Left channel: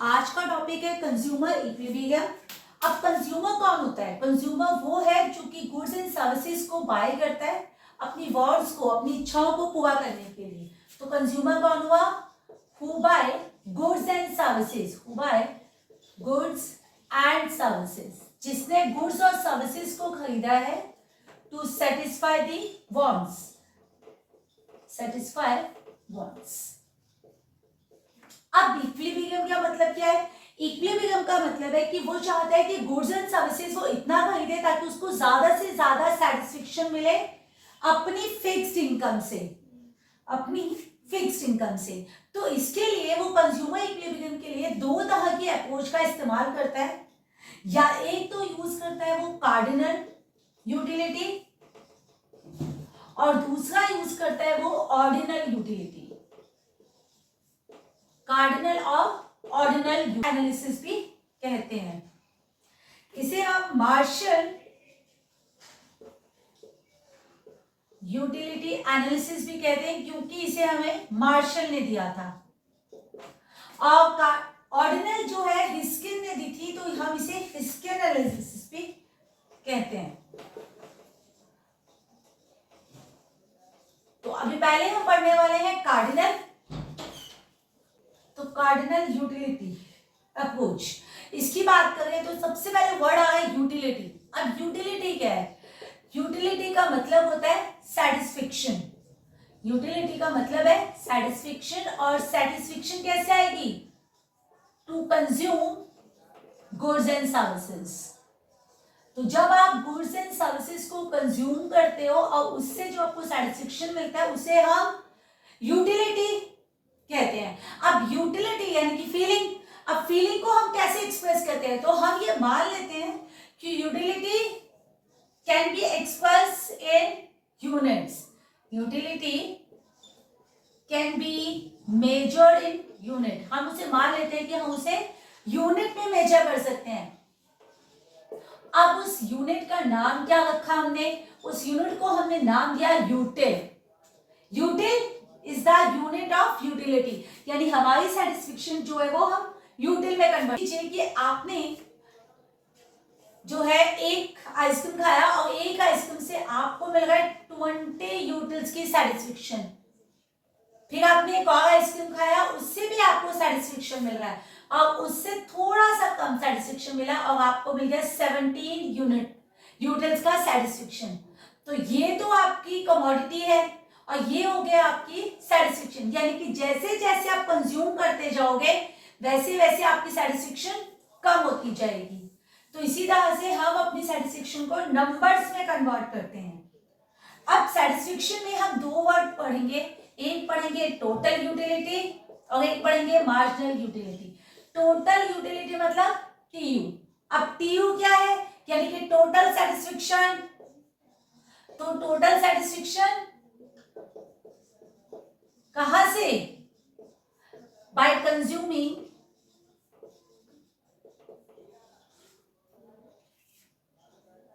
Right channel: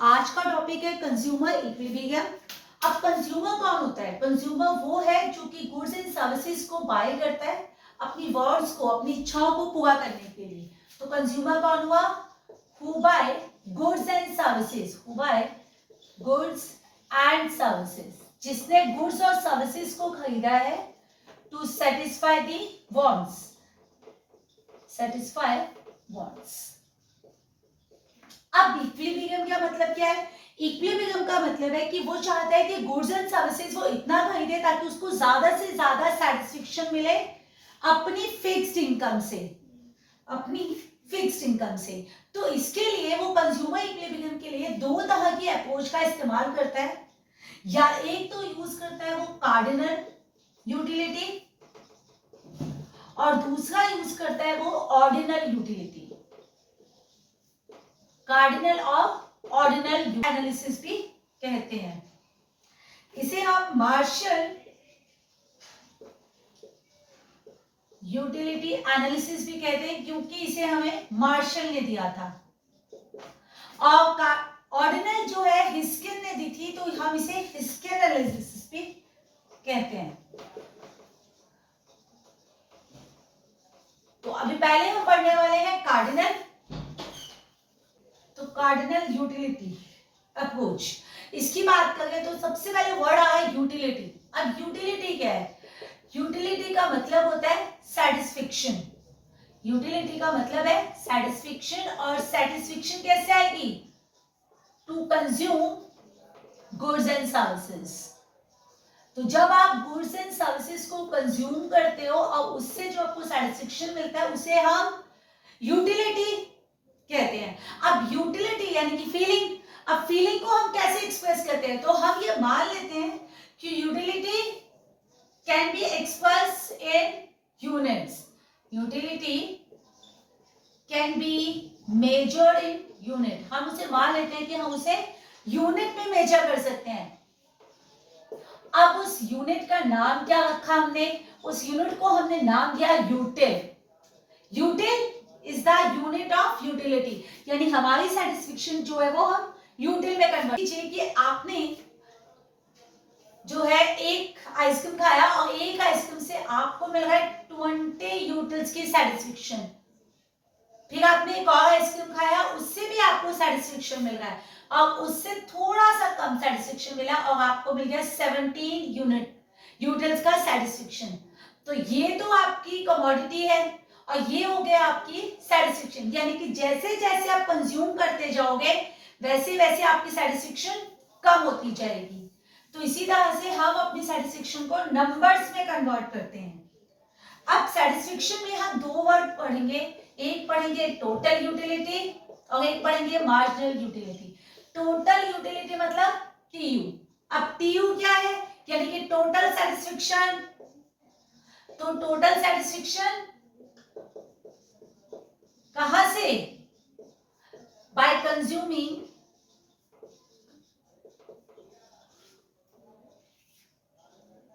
आज का टॉपिक है कंज्यूमर इक्विलिब्रियम। अब कंज्यूमर कौन होता है? कंज्यूमर वो है जो कि गुड्स एंड सर्विसेज को बाय करता है अपनी वांट्स को, अपनी इच्छाओं को पूरा करने के लिए। तो कंज्यूमर कौन हुआ? Who buy goods and services, who buy goods and services, जिसने गुड्स और सर्विसेज को खरीदा है to satisfy the wants, satisfy wants. अब इक्विलिब्रियम का मतलब क्या है? इक्विलिब्रियम का मतलब है कि वो चाहता है कि गुड्स एंड सर्विसेज वो इतना खरीदे ताकि उसको ज्यादा से ज्यादा सेटिस्फेक्शन मिले अपनी फिक्स्ड इनकम से, अपनी फिक्स्ड इनकम से। तो इसके लिए वो कंज्यूमर इक्विलिब्रियम के लिए दो तरह की अप्रोच का इस्तेमाल करता है। या एक तो यूज करता है वो कार्डिनल यूटिलिटी, और दूसरा यूज करता है वो ऑर्डिनल यूटिलिटी। कार्डिनल और ऑर्डिनल एनालिसिस भी कहते हैं। इसे हम मार्शल यूटिलिटी एनालिसिस भी कहते हैं क्योंकि इसे हमें मार्शल ने दिया था। और ऑर्डिनल जो है हिस्किन ने दी थी, तो हम इसे हिस्किन एनालिसिस भी कहते हैं। तो अभी पहले हम पढ़ने वाले हैं कार्डिनल। तो कार्डिनल यूटिलिटी अप्रोच, इसकी बात करें तो सबसे पहले वर्ड आया है यूटिलिटी। अब यूटिलिटी क्या है? यूटिलिटी का मतलब होता है सेटिस्फेक्शन। यूटिलिटी का मतलब है सेटिस्फेक्शन, और सेटिस्फेक्शन कैसे आएगी? To consume goods and services. तो जब आप गुड्स एंड सर्विसेज को कंज्यूम करते हो और उससे जो आपको सेटिस्फेक्शन मिलता है उसे हम यूटिलिटी कहते हैं। अब यूटिलिटी यानी कि फीलिंग। अब फीलिंग को हम कैसे एक्सप्रेस करते हैं? तो हम ये मान लेते हैं कि utility can be express in units. Utility can be measured in unit. हम उसे मान लेते हैं कि हम उसे यूनिट में मेजर कर सकते हैं। अब उस यूनिट का नाम क्या रखा हमने? उस यूनिट को हमने नाम दिया यूटिल। यूटिल is the unit of utility, यानी हमारी सेटिस्फेक्शन जो है वो हम यूटिल में कन्वर्ट कीजिए। कि आपने जो है एक आइसक्रीम खाया और एक आइसक्रीम से आपको मिल गए 20 यूटिल्स की सेटिस्फेक्शन। फिर आपने एक और आइसक्रीम खाया, उससे भी आपको सेटिस्फेक्शन मिल रहा है, और उससे थोड़ा सा कम सेटिस्फेक्शन मिला और आपको मिल गया 17 यूटिल्स का सेटिस्फेक्शन। तो ये तो आपकी कमोडिटी है और ये हो गया आपकी सेटिस्फेक्शन। यानी कि जैसे जैसे आप कंज्यूम करते जाओगे वैसे वैसे आपकी सेटिस्फेक्शन कम होती जाएगी। तो इसी तरह से हम अपनी सेटिस्फेक्शन को नंबर्स में कन्वर्ट करते हैं। अब सेटिस्फेक्शन में हम दो वर्ड पढ़ेंगे, एक पढ़ेंगे टोटल यूटिलिटी और एक पढ़ेंगे मार्जिनल यूटिलिटी। टोटल यूटिलिटी मतलब टीयू। अब टीयू क्या है? यानी कि टोटल सेटिस्फेक्शन। तो टोटल सेटिस्फेक्शन कहां से? Bye consuming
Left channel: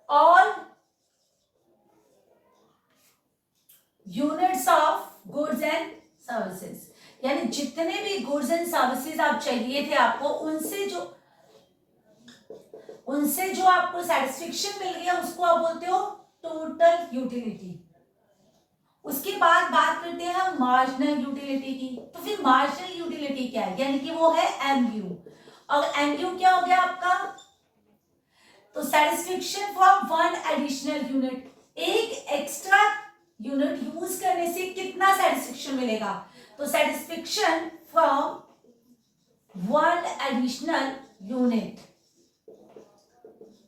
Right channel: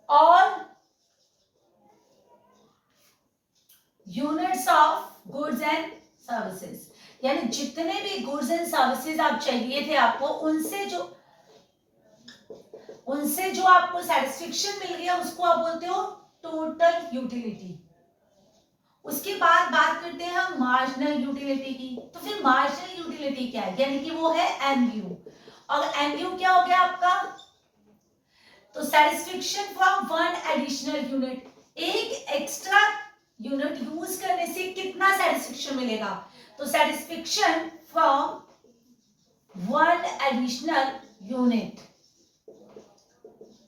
all units of goods and services. यानी जितने भी गुड्स एंड सर्विसेज आप चाहिए थे आपको, उनसे जो आपको सेटिस्फेक्शन मिल गया उसको आप बोलते हो टोटल यूटिलिटी। उसके बाद बात करते हैं हम मार्जिनल यूटिलिटी की। तो फिर मार्जिनल यूटिलिटी क्या है? यानी कि वो है एमयू। और एमयू क्या हो गया आपका? तो satisfaction from one additional unit. एक एक्स्ट्रा यूनिट यूज करने से कितना सेटिस्फेक्शन मिलेगा? तो satisfaction from one additional unit.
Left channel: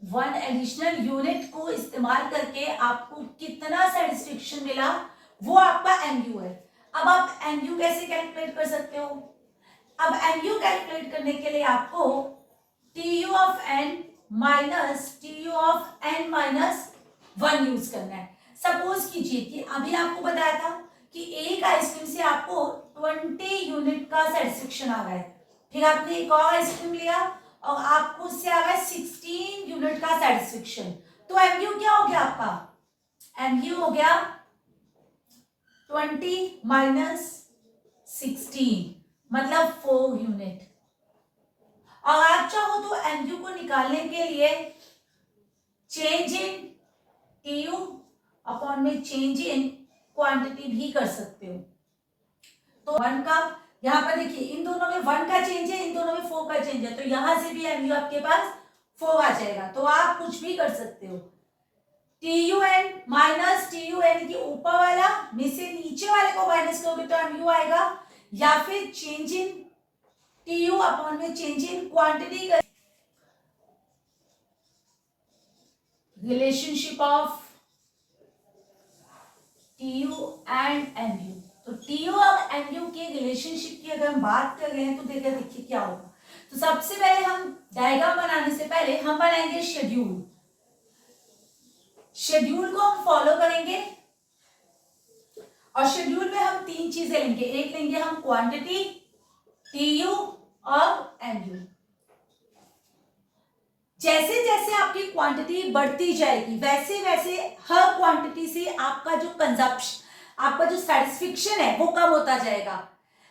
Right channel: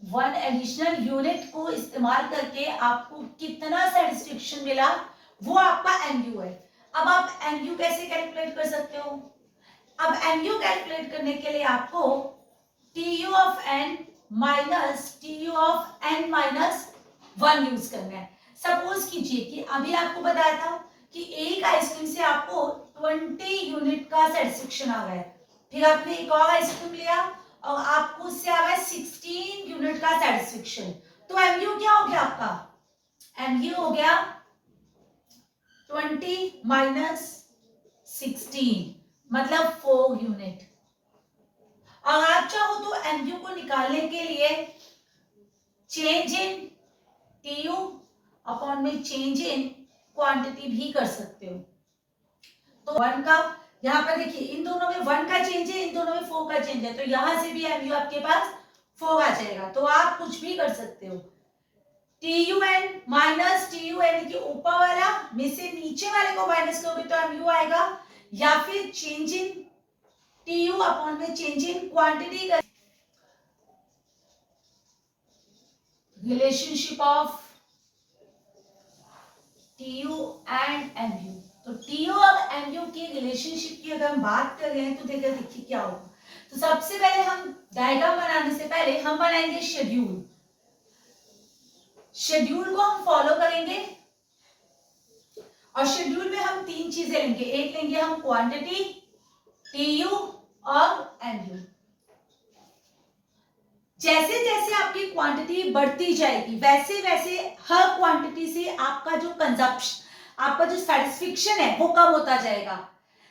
One additional unit को इस्तेमाल करके आपको कितना सेटिस्फेक्शन मिला वो आपका एमयू है। अब आप एमयू कैसे कैलकुलेट कर सकते हो? अब एमयू कैलकुलेट करने के लिए आपको TU of N minus TU of N minus 1 use करना है। सपोज कीजिए कि अभी आपको बताया था कि एक आइसक्रीम से आपको 20 यूनिट का सेटिस्फेक्शन आ रहा है, फिर आपने एक और आइसक्रीम लिया और आपको उससे आ गया 16 यूनिट का सेटिस्फेक्शन। तो एमयू क्या हो गया आपका? एमयू हो गया 20 माइनस 16 मतलब 4 यूनिट। और आप चाहो तो एमयू को निकालने के लिए चेंज इन टीयू अपॉन में चेंज इन क्वांटिटी भी कर सकते हो। तो 1 का यहाँ पर देखिए, इन दोनों में 1 का चेंज है, इन दोनों में 4 का चेंज है, तो यहां से भी एमयू आपके पास 4 आ जाएगा। तो आप कुछ भी कर सकते हो, TUN माइनस TUN के ऊपर वाला में से नीचे वाले को माइनस करोगे तो एमयू आएगा, या फिर चेंज इन TU अपॉन में चेंज इन क्वांटिटी का relationship of TU and MU। तो TU और MU के रिलेशनशिप की अगर हम बात कर रहे हैं तो देखिए क्या होगा। तो सबसे पहले हम डायग्राम बनाने से पहले हम बनाएंगे शेड्यूल। शेड्यूल को हम फॉलो करेंगे और शेड्यूल में हम 3 चीजें लेंगे। एक लेंगे हम क्वांटिटी, TU और MU। जैसे जैसे आपकी क्वांटिटी बढ़ती जाएगी वैसे वैसे हर क्वांटिटी से आपका जो कंजप्शन, आपका जो सेटिस्फेक्शन है वो कम होता जाएगा।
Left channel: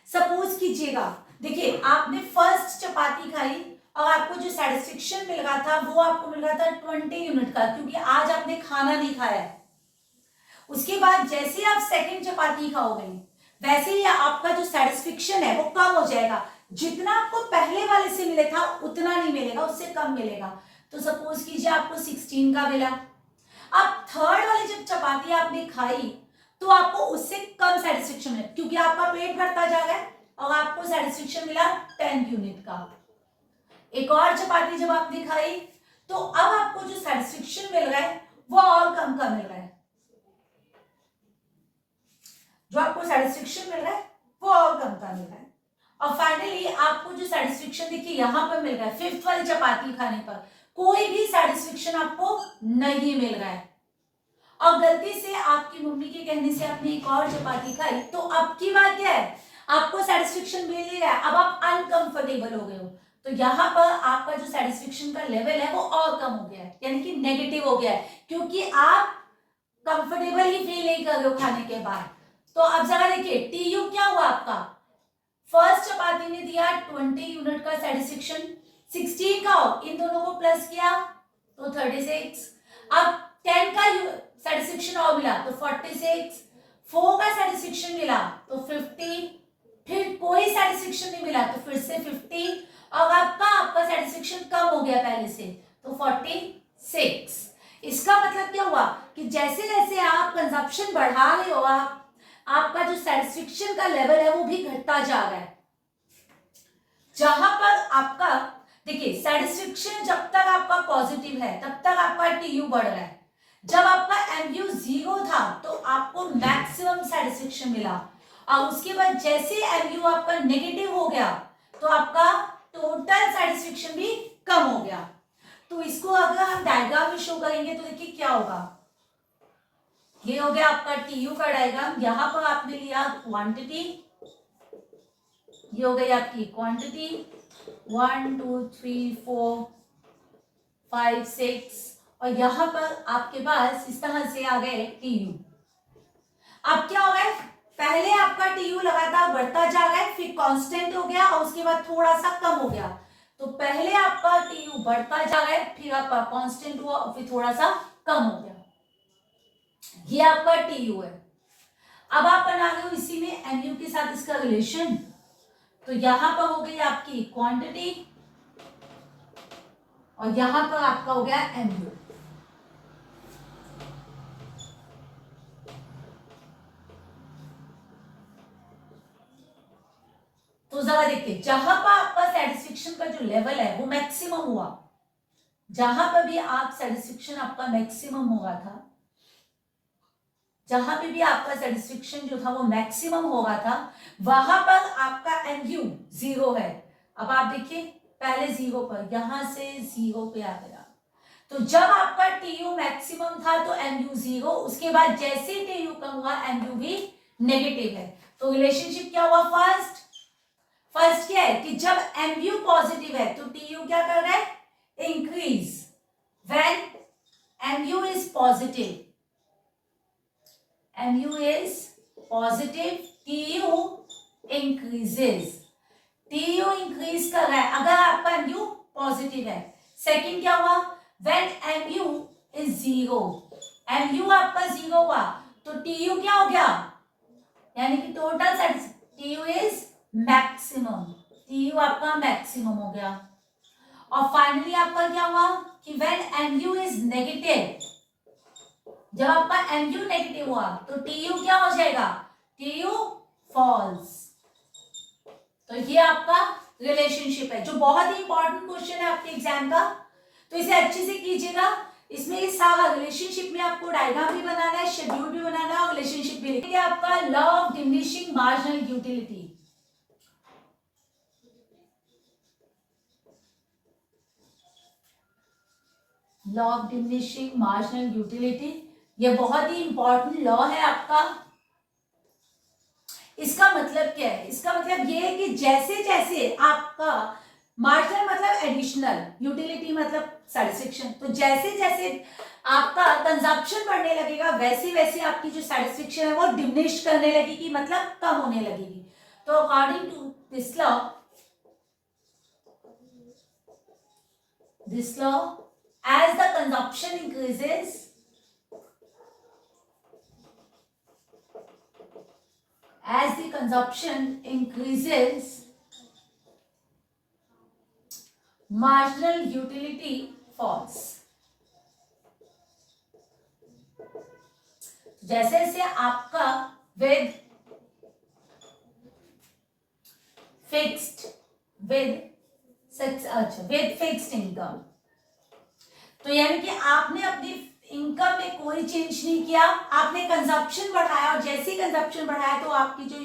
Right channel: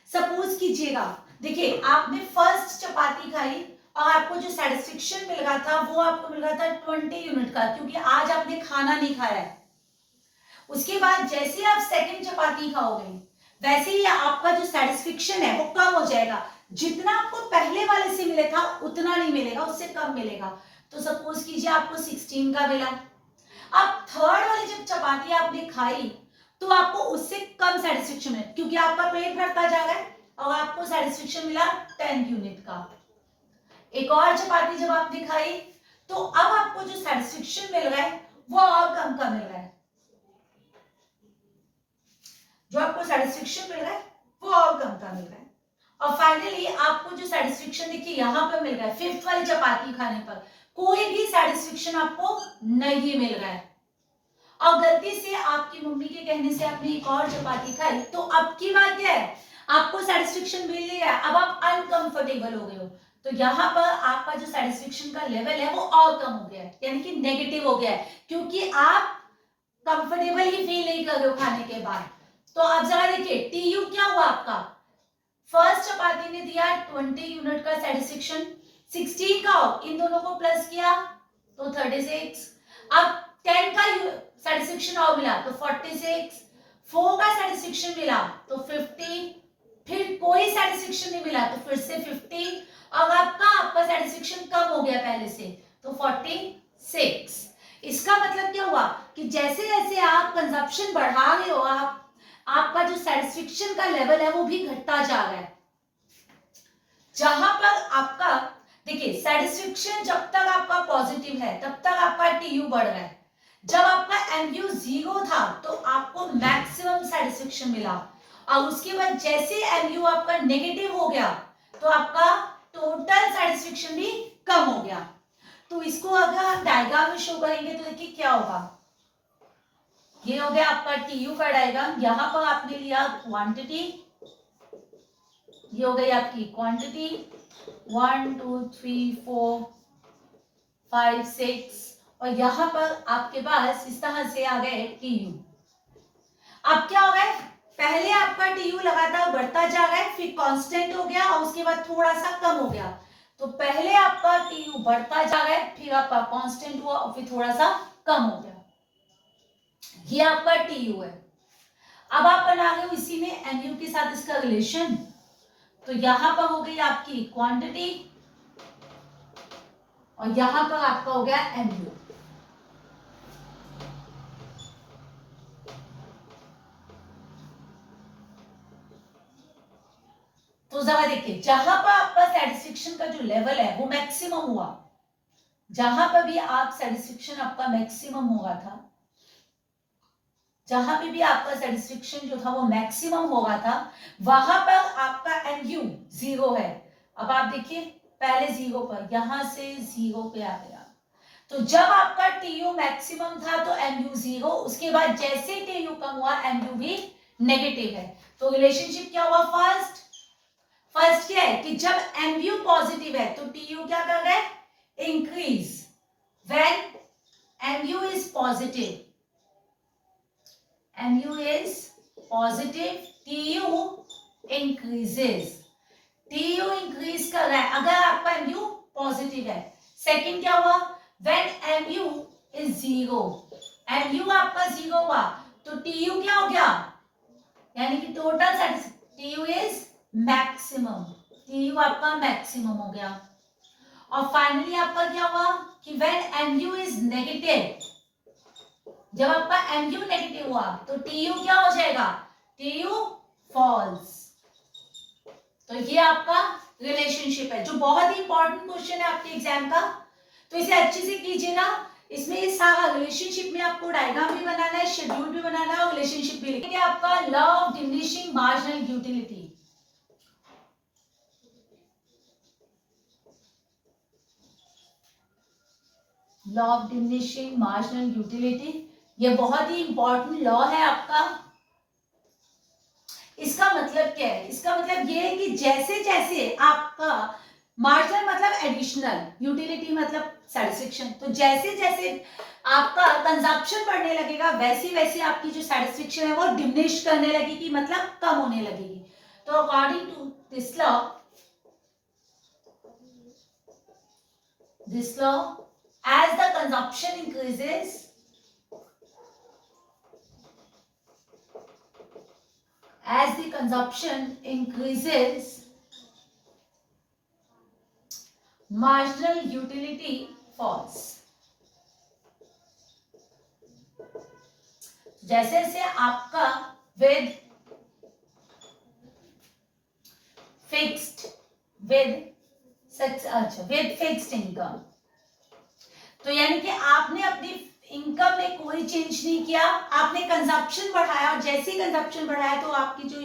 सपोज कीजिएगा, देखिए आपने फर्स्ट चपाती खाई और आपको जो सेटिस्फेक्शन मिल रहा था वो आपको मिल रहा था 20 यूनिट का, क्योंकि आज आपने खाना नहीं खाया है। उसके बाद जैसे आप सेकंड चपाती खाओगे वैसे ही आपका जो सेटिस्फेक्शन है वो कम हो जाएगा। जितना आपको पहले वाले से मिले था उतना नहीं मिलेगा, उससे कम मिलेगा। तो सपोज कीजिए आपको 16 का मिला, अब थर्ड वाली जब चपाती आपने खाई तो आपको उससे कम सेटिस्फेक्शन है, क्योंकि आपका पेट भरता जा रहा है और आपको सेटिस्फेक्शन मिला 10 यूनिट का। एक और चपाती जब आपने खाई तो अब आपको जो सेटिस्फेक्शन मिल रहा है वो और कम का मिल रहा है, जो आपको सेटिस्फेक्शन मिल रहा है वो और कम का मिल रहा है। और फाइनली आपको जो सेटिस्फेक्शन देखिए यहां पर मिल रहा है, फिफ्थ वाली चपाती खाने पर कोई भी सेटिस्फेक्शन आपको नहीं मिल रहा है। और गलती से आपकी मम्मी के कहने से आपने एक और चपाती खाई तो अब की बात क्या है, आपको सेटिस्फेक्शन मिल ही रहा है, अब आप अनकंफर्टेबल हो गए हो। तो यहाँ पर आपका जो सेटिस्फेक्शन का लेवल है वो और कम हो गया है, यानी कि नेगेटिव हो गया है, क्योंकि आप कंफर्टेबल ही फील नहीं कर रहे हो खाने के बाद। तो अब जरा देखिए टीयू क्या हुआ आपका, फर्स्ट चपाती ने दिया 20 यूनिट का सेटिस्फेक्शन, 16 का इन दोनों को प्लस किया तो 36, अब 10 का सेटिस्फेक्शन और मिला तो 46, 4 का सेटिस्फेक्शन मिला तो 50, फिर कोई सेटिस्फेक्शन नहीं मिला तो फिर से 50, अब आपका सेटिस्फेक्शन कम हो गया पहले से तो 46। इसका मतलब क्या हुआ कि जैसे जैसे आप कंजप्शन बढ़ा रहे हो आपका जो सेटिस्फेक्शन का लेवल है वो भी घटता जा रहा है। जहां पर आपका देखिए सेटिस्फेक्शन जब तक आपका पॉजिटिव है तब तक आपका टीयू बढ़ रहा है, जब आपका एमयू 0 था तो आपको मैक्सिमम सेटिस्फेक्शन मिला, और उसके बाद जैसे एमयू आपका नेगेटिव हो गया तो आपका टोटल सेटिस्फेक्शन भी कम हो गया। तो इसको अगर हम डायग्राम में शो करेंगे तो देखिए क्या होगा, ये हो गया आपका टीयू का डायग्राम। यहां पर आपने लिया क्वांटिटी, ये हो गई आपकी क्वांटिटी 1 2 3 4 5 6, और यहां पर आपके पास इस तरह से आ गए टीयू। अब क्या हो गया, पहले आपका टीयू लगातार बढ़ता जा रहा है, फिर कांस्टेंट हो गया और उसके बाद थोड़ा सा कम हो गया। तो पहले आपका टीयू बढ़ता जा रहा है, फिर आपका कांस्टेंट हुआ और फिर थोड़ा सा कम हो गया। ये आपका टीयू है। अब आप बना रहे हो इसी में एमयू के साथ इसका रिलेशन, तो यहां पर हो गई आपकी क्वांटिटी और यहां पर आपका हो गया एमयू। तो जरा देखिए, जहां पर आपका सेटिस्फेक्शन का जो लेवल है वो मैक्सिमम हुआ, जहां पर भी आप सेटिस्फेक्शन आपका मैक्सिमम हुआ था, जहां पे भी आपका सेटिस्फेक्शन जो था वो मैक्सिमम हो रहा था, वहां पर आपका एमयू 0 है। अब आप देखिए पहले 0 पर, यहां से 0 पे आ गया, तो जब आपका टीयू मैक्सिमम था तो एमयू 0, उसके बाद जैसे टीयू कम हुआ एमयू भी नेगेटिव है। तो रिलेशनशिप क्या हुआ, फर्स्ट क्या है कि जब एमयू पॉजिटिव है तो टीयू क्या कर रहा है, increase. When MU is positive, mu is positive, tu increases, tu increase कर रहा है। अगर आपका mu पॉजिटिव है। सेकंड क्या हुआ, व्हेन MU इज 0, MU आपका 0 हुआ तो TU क्या हो गया, यानी कि total TU is maximum, TU आपका मैक्सिमम हो गया। और फाइनली आपका क्या हुआ कि व्हेन MU इज नेगेटिव, जब आपका MU नेगेटिव हुआ तो TU क्या हो जाएगा, TU फॉल्स। तो ये आपका रिलेशनशिप है जो बहुत ही इंपॉर्टेंट क्वेश्चन है आपके एग्जाम का, तो इसे अच्छे से कीजिएगा। इसमें ये सारा रिलेशनशिप में आपको डायग्राम भी बनाना है, शेड्यूल भी बनाना है और रिलेशनशिप भी लिखना है। आपका law of diminishing marginal utility, law of diminishing marginal utility, ये बहुत ही इंपॉर्टेंट लॉ है आपका। इसका मतलब क्या है, इसका मतलब ये है कि जैसे जैसे आपका मार्जिनल मतलब एडिशनल, यूटिलिटी मतलब सैटिस्फैक्शन, तो जैसे जैसे आपका कंजप्शन बढ़ने लगेगा वैसी वैसी आपकी जो सैटिस्फैक्शन है वो डिमिनिश करने लगेगी, मतलब कम होने लगेगी। तो according to this law as the consumption increases, as the consumption increases, marginal utility falls। जैसे जैसे आपका with fixed income, तो यानी कि आपने अपनी इनकम में कोई चेंज नहीं किया, आपने कंजप्शन बढ़ाया और जैसे ही कंजप्शन बढ़ाया तो आपकी जो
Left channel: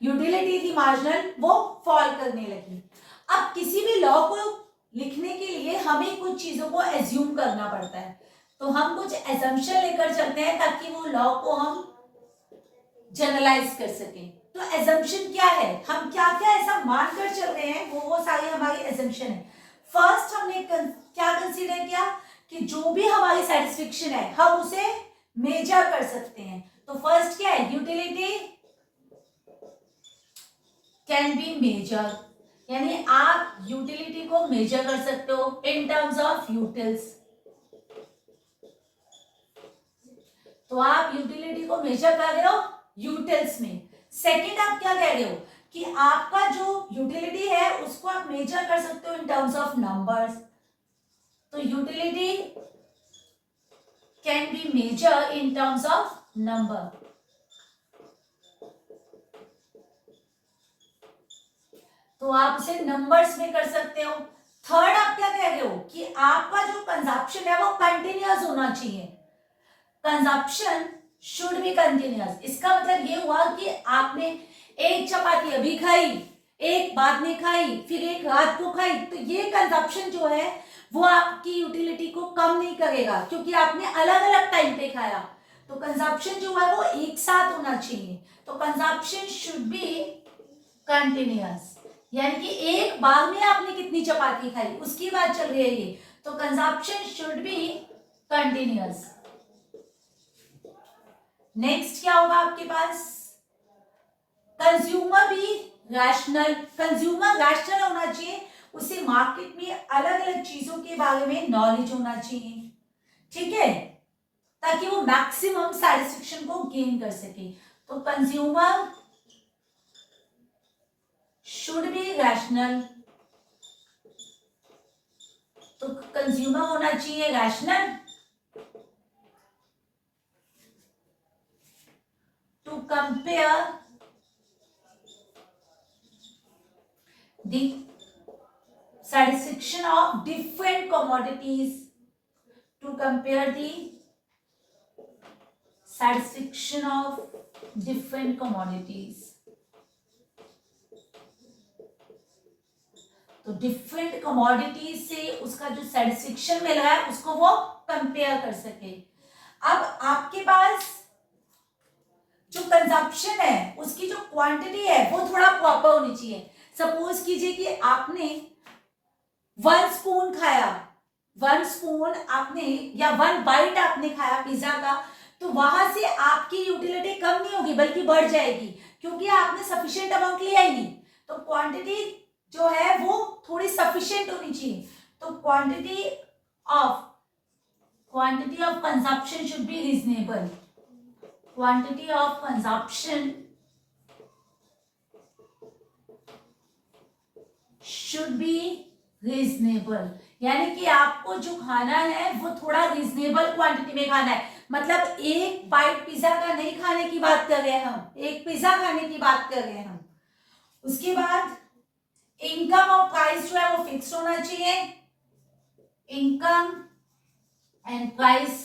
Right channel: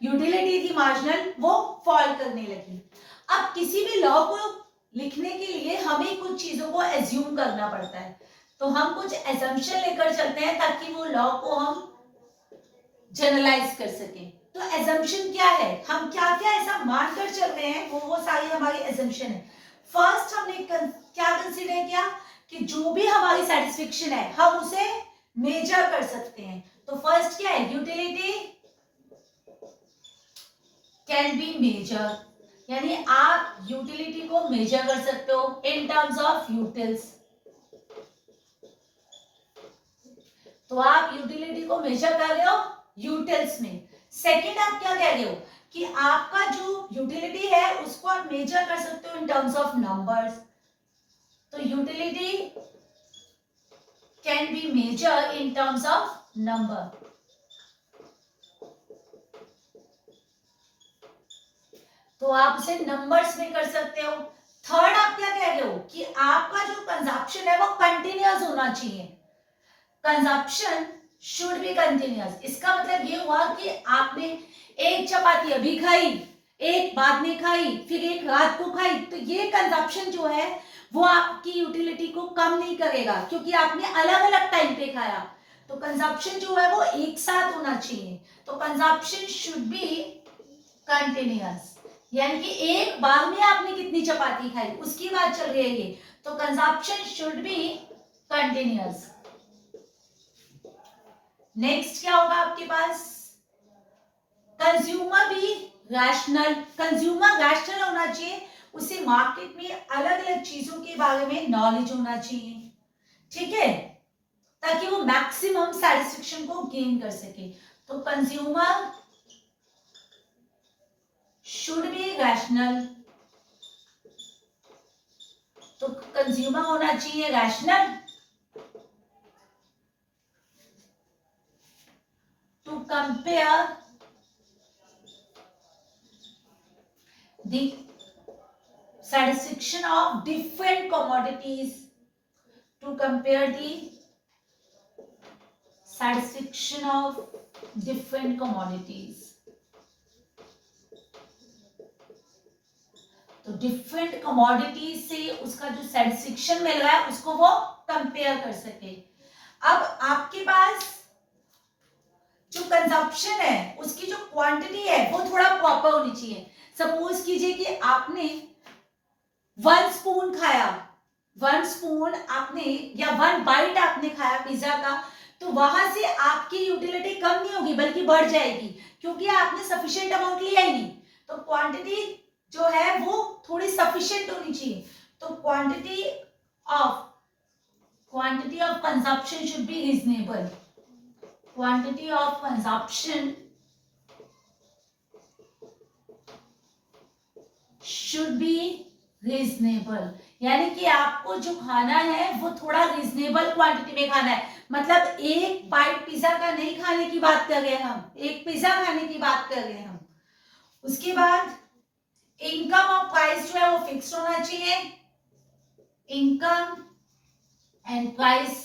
यूटिलिटी थी मार्जिनल वो फॉल करने लगी। अब किसी भी लॉ को लिखने के लिए हमें कुछ चीजों को एज्यूम करना पड़ता है, तो हम कुछ एजम्पशन लेकर चलते हैं ताकि वो लॉ को हम जनरलाइज कर सकें। तो एजम्पशन क्या है, हम क्या क्या ऐसा मानकर चल रहे हैं वो सारी हमारी एजम्पशन है। फर्स्ट हमने क्या कंसीडर किया कि जो भी हमारी सेटिस्फेक्शन है हम उसे मेजर कर सकते हैं। तो फर्स्ट क्या है, यूटिलिटी कैन बी मेजर, यानी आप यूटिलिटी को मेजर कर सकते हो इन टर्म्स ऑफ यूटिल्स। तो आप यूटिलिटी को मेजर कर रहे हो यूटिल्स में। सेकंड आप क्या कह रहे हो कि आपका जो यूटिलिटी है उसको आप मेजर कर सकते हो इन टर्म्स ऑफ नंबर्स। तो utility can be measure in terms of number. तो आप उसे नंबर्स में कर सकते हो। थर्ड आप क्या कह रहे हो कि आपका जो कंजप्शन है वो कंटिन्यूअस होना चाहिए, कंजप्शन शुड बी कंटिन्यूअस। इसका मतलब ये हुआ कि आपने एक चपाती अभी खाई, एक बाद में खाई, फिर एक रात को खाई, तो ये कंजप्शन जो है वो आपकी यूटिलिटी को कम नहीं करेगा क्योंकि आपने अलग अलग टाइम पे खाया। तो कंजप्शन जो है वो एक साथ होना चाहिए। तो कंजप्शन शुड बी कंटिन्यूअस, यानी कि एक बार में आपने कितनी चपाती खाई उसकी बात चल रही है ये। तो consumption should be continuous. Next क्या होगा आपके पास, कंज्यूमर भी रैशनल, कंज्यूमर रैशनल होना चाहिए, उसे मार्केट में अलग अलग चीजों के बारे में नॉलेज होना चाहिए, ठीक है, ताकि वो मैक्सिमम सैटिस्फैक्शन को गेन कर सके। तो कंज्यूमर शुड बी रैशनल, तो कंज्यूमर होना चाहिए rational to compare the satisfaction of different commodities, to compare the satisfaction of different commodities। तो डिफरेंट कमोडिटीज से उसका जो सेटिस्फेक्शन मिल रहा है उसको वो कंपेयर कर सके। अब आपके पास जो कंजप्शन है उसकी जो क्वांटिटी है वो थोड़ा प्रॉपर होनी चाहिए। सपोज कीजिए कि आपने 1 स्पून खाया, 1 स्पून आपने या 1 बाइट आपने खाया पिज्जा का, तो वहां से आपकी यूटिलिटी कम नहीं होगी बल्कि बढ़ जाएगी क्योंकि आपने सफिशिएंट अमाउंट लिया ही नहीं। तो क्वांटिटी जो है वो थोड़ी सफिशिएंट होनी चाहिए। तो quantity of consumption should be reasonable. Quantity of consumption should be reasonable. यानी कि आपको जो खाना है वो थोड़ा रीजनेबल क्वांटिटी में खाना है. मतलब एक बाइट पिज्जा का नहीं खाने की बात कर रहे हैं हम, एक पिज्जा खाने की बात कर रहे हैं हम. उसके बाद इनकम और प्राइस जो है वो फिक्स होना चाहिए. Income and price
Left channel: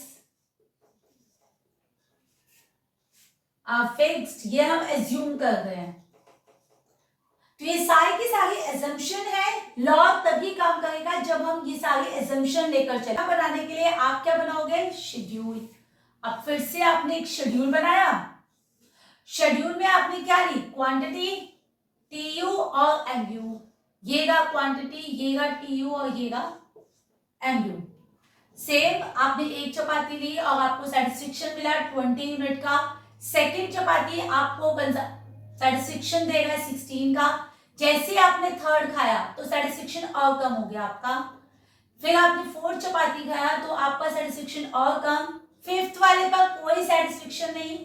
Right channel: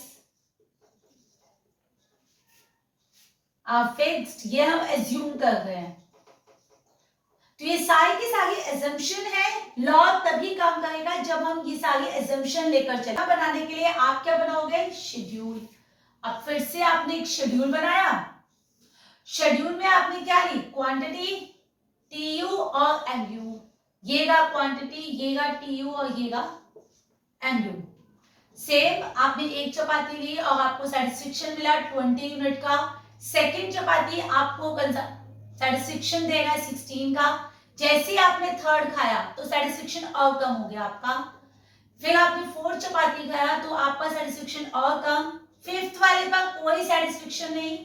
are fixed, ये हम एज्यूम कर रहे हैं. तो ये सारी की सारी एजम्पशन है. लॉ तभी काम करेगा जब हम ये सारी एजम्पशन लेकर चले. बनाने के लिए आप क्या बनाओगे? शेड्यूल. अब फिर से आपने एक शेड्यूल बनाया. शेड्यूल में आपने क्या ली? क्वांटिटी, टीयू और एमयू. ये रहा क्वांटिटी, ये रहा टीयू और ये रहा एमयू. सेम आपने एक चपाती ली और आपको सेटिस्फेक्शन मिला 20 यूनिट का. सेकेंड चपाती आपको सेटिस्फेक्शन देगा 16 का. जैसे ही आपने थर्ड खाया तो सेटिस्फेक्शन और कम हो गया आपका. फिर आपने फोर्थ चपाती खाया तो आपका सेटिस्फेक्शन और कम. फिफ्थ वाले पर कोई सेटिस्फेक्शन नहीं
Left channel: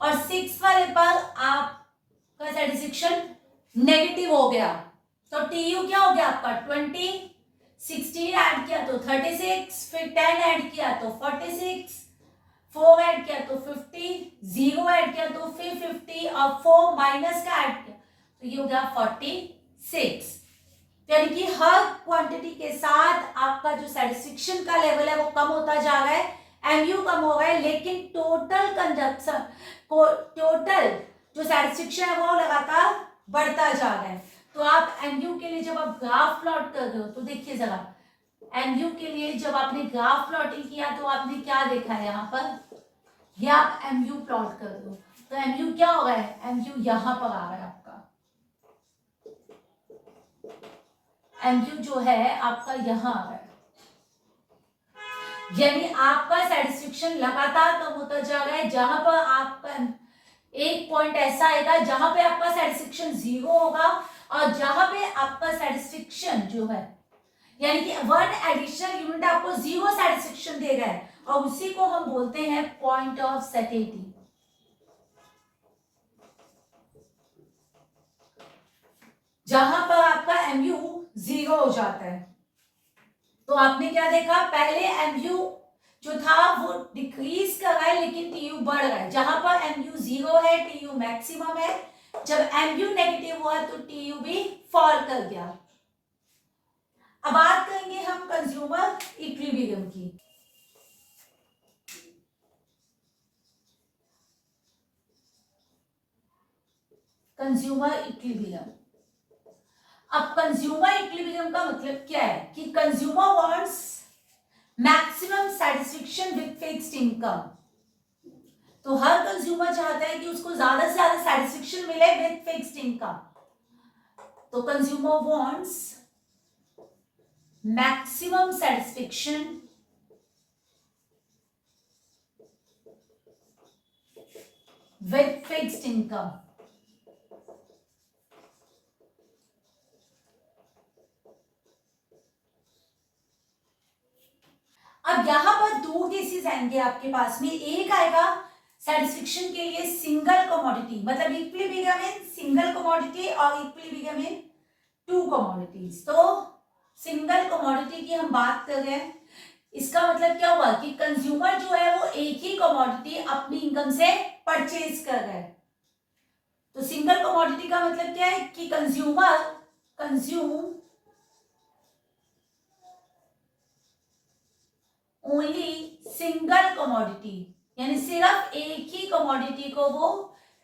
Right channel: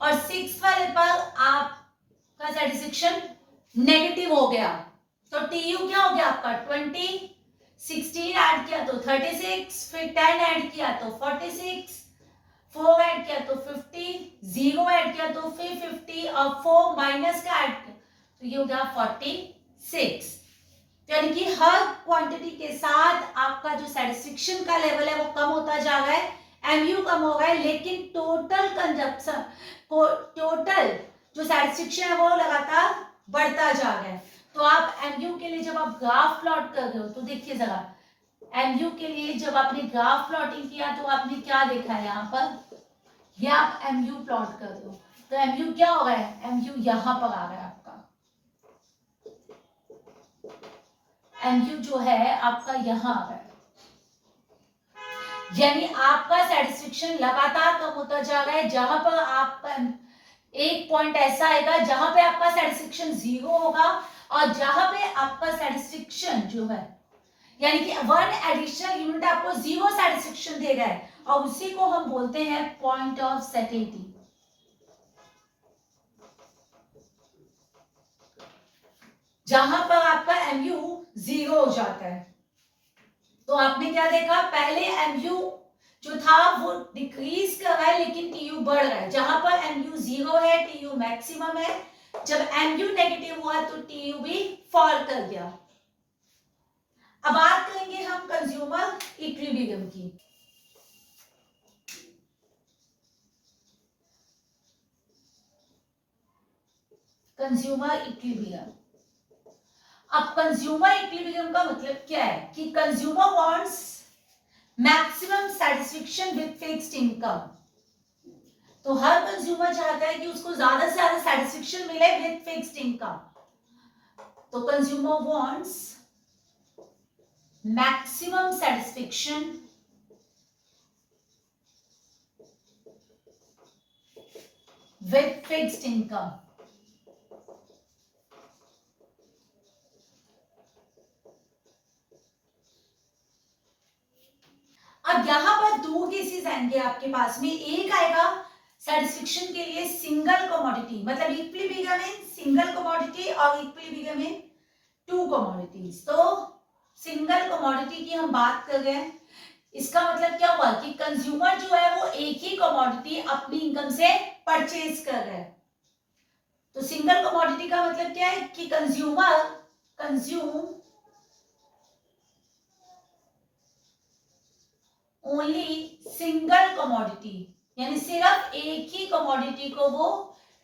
और सिक्स वाले पर आपका सेटिस्फेक्शन नेगेटिव हो गया. तो टीयू क्या हो गया आपका? 20. 16 ऐड किया तो 36, फिर 10 ऐड किया तो 46, 4 ऐड किया तो 50, 0 ऐड किया तो फिर 50 और 4 माइनस का ऐड किया तो ये हो गया 46. यानी कि हर क्वांटिटी के साथ आपका जो सेटिस्फेक्शन का लेवल है वो कम होता जा रहा है, एमयू कम हो रहा है, लेकिन टोटल कंजप्शन, टोटल जो सेटिस्फेक्शन है वो लगातार बढ़ता जा रहा है. तो आप एमयू के लिए जब आप ग्राफ प्लॉट कर रहे हो तो देखिए जरा, एमयू के लिए जब आपने ग्राफ प्लॉटिंग किया तो आपने क्या देखा है? यहाँ पर ये आप एमयू प्लॉट कर दो तो एमयू क्या हो रहा है? एमयू यहां पर आ रहा है आपका. एमयू जो है आपका यहां आ रहा है. यानी आपका सेटिस्फेक्शन लगातार कम होता जा रहा है. जहां पर आपका एक पॉइंट ऐसा आएगा जहां पे आपका सेटिस्फेक्शन 0 होगा और जहां पे आपका सेटिस्फेक्शन जो है यानी कि 1 एडिशनल यूनिट आपको 0 सेटिस्फेक्शन दे रहा है और उसी को हम बोलते हैं पॉइंट ऑफ सैटिस्फैक्शन. जहां पर आपका एमयू 0 हो जाता है. तो आपने क्या देखा? पहले एमयू जो था वो डिक्रीज कर रहा है लेकिन टीयू बढ़ रहा है. जहां पर एमयू 0 है टीयू मैक्सिमम है. जब एमयू नेगेटिव हुआ तो टीयू भी फॉल कर गया. अब बात करेंगे हम कंज्यूमर इक्विलिब्रियम की. Consumer equilibrium. अब कंज्यूमर इक्विलिब्रियम का मतलब क्या है? कि consumer wants maximum satisfaction with fixed income. तो हर कंज्यूमर चाहता है कि उसको ज्यादा से ज्यादा सेटिस्फेक्शन मिले विद फिक्स्ड इनकम. तो consumer wants maximum satisfaction with fixed income. अब यहां पर दो केसेस आएंगे आपके पास में. एक आएगा सेटिस्फेक्शन के लिए सिंगल कमोडिटी, मतलब इक्विलिब्रियम इन सिंगल कमोडिटी और इक्विलिब्रियम इन 2 कमोडिटीज. तो सिंगल कमोडिटी की हम बात कर रहे हैं. इसका मतलब क्या हुआ कि कंज्यूमर जो है वो एक ही कमोडिटी अपनी इनकम से परचेज कर रहा है. तो सिंगल कमोडिटी का मतलब क्या है कि consumer consume only single commodity, यानी सिर्फ एक ही कमोडिटी को वो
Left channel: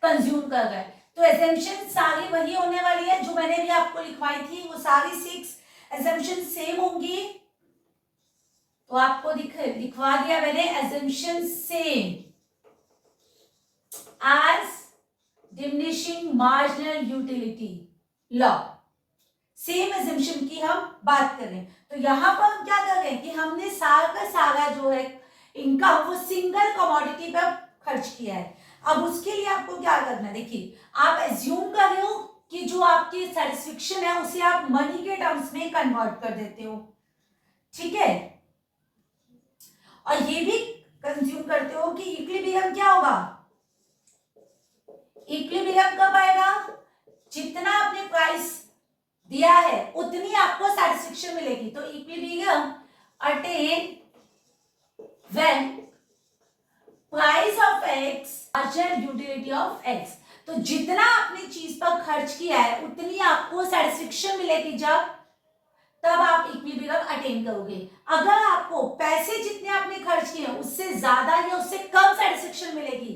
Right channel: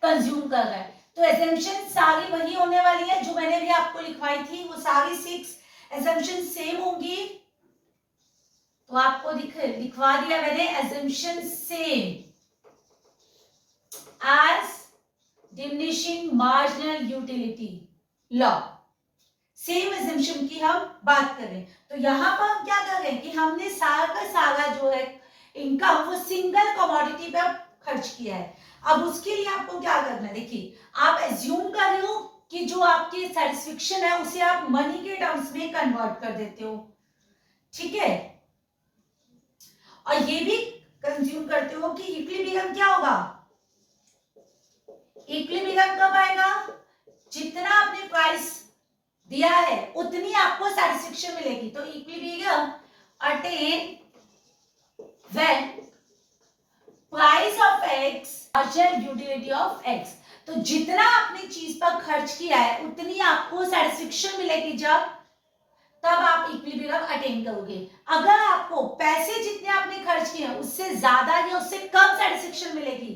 कंज्यूम कर रहा है. तो एजम्पशन सारी वही होने वाली है जो मैंने भी आपको लिखवाई थी. वो सारी 6 एजम्पशन सेम होंगी. तो आपको लिखवा दिया मैंने assumption same as diminishing marginal utility law. Same assumption की हम बात करें तो यहां पर हम क्या कर रहे हैं कि हमने सारा का सारा जो है इनकम वो सिंगल कमोडिटी पर खर्च किया है. अब उसके लिए आपको क्या करना है? देखिए, आप एज्यूम कर रहे हो कि जो आपकी सेटिस्फेक्शन है उसे आप मनी के टर्म्स में कन्वर्ट कर देते हो. ठीक है, और ये भी कंज्यूम करते हो कि इक्विलिब्रियम क्या होगा, इक्विलिब्रियम कब आएगा, जितना आपने प्राइस दिया है उतनी आपको सैटिस्फैक्शन मिलेगी। तो equilibrium attain when price of x larger utility of x. तो जितना आपने चीज पर खर्च किया है उतनी आपको सैटिस्फैक्शन मिलेगी जब, तब आप इक्विलिब्रियम अटेन करोगे। अगर आपको पैसे जितने आपने खर्च किए हैं उससे ज्यादा या उससे कम सैटिस्फैक्शन मिलेगी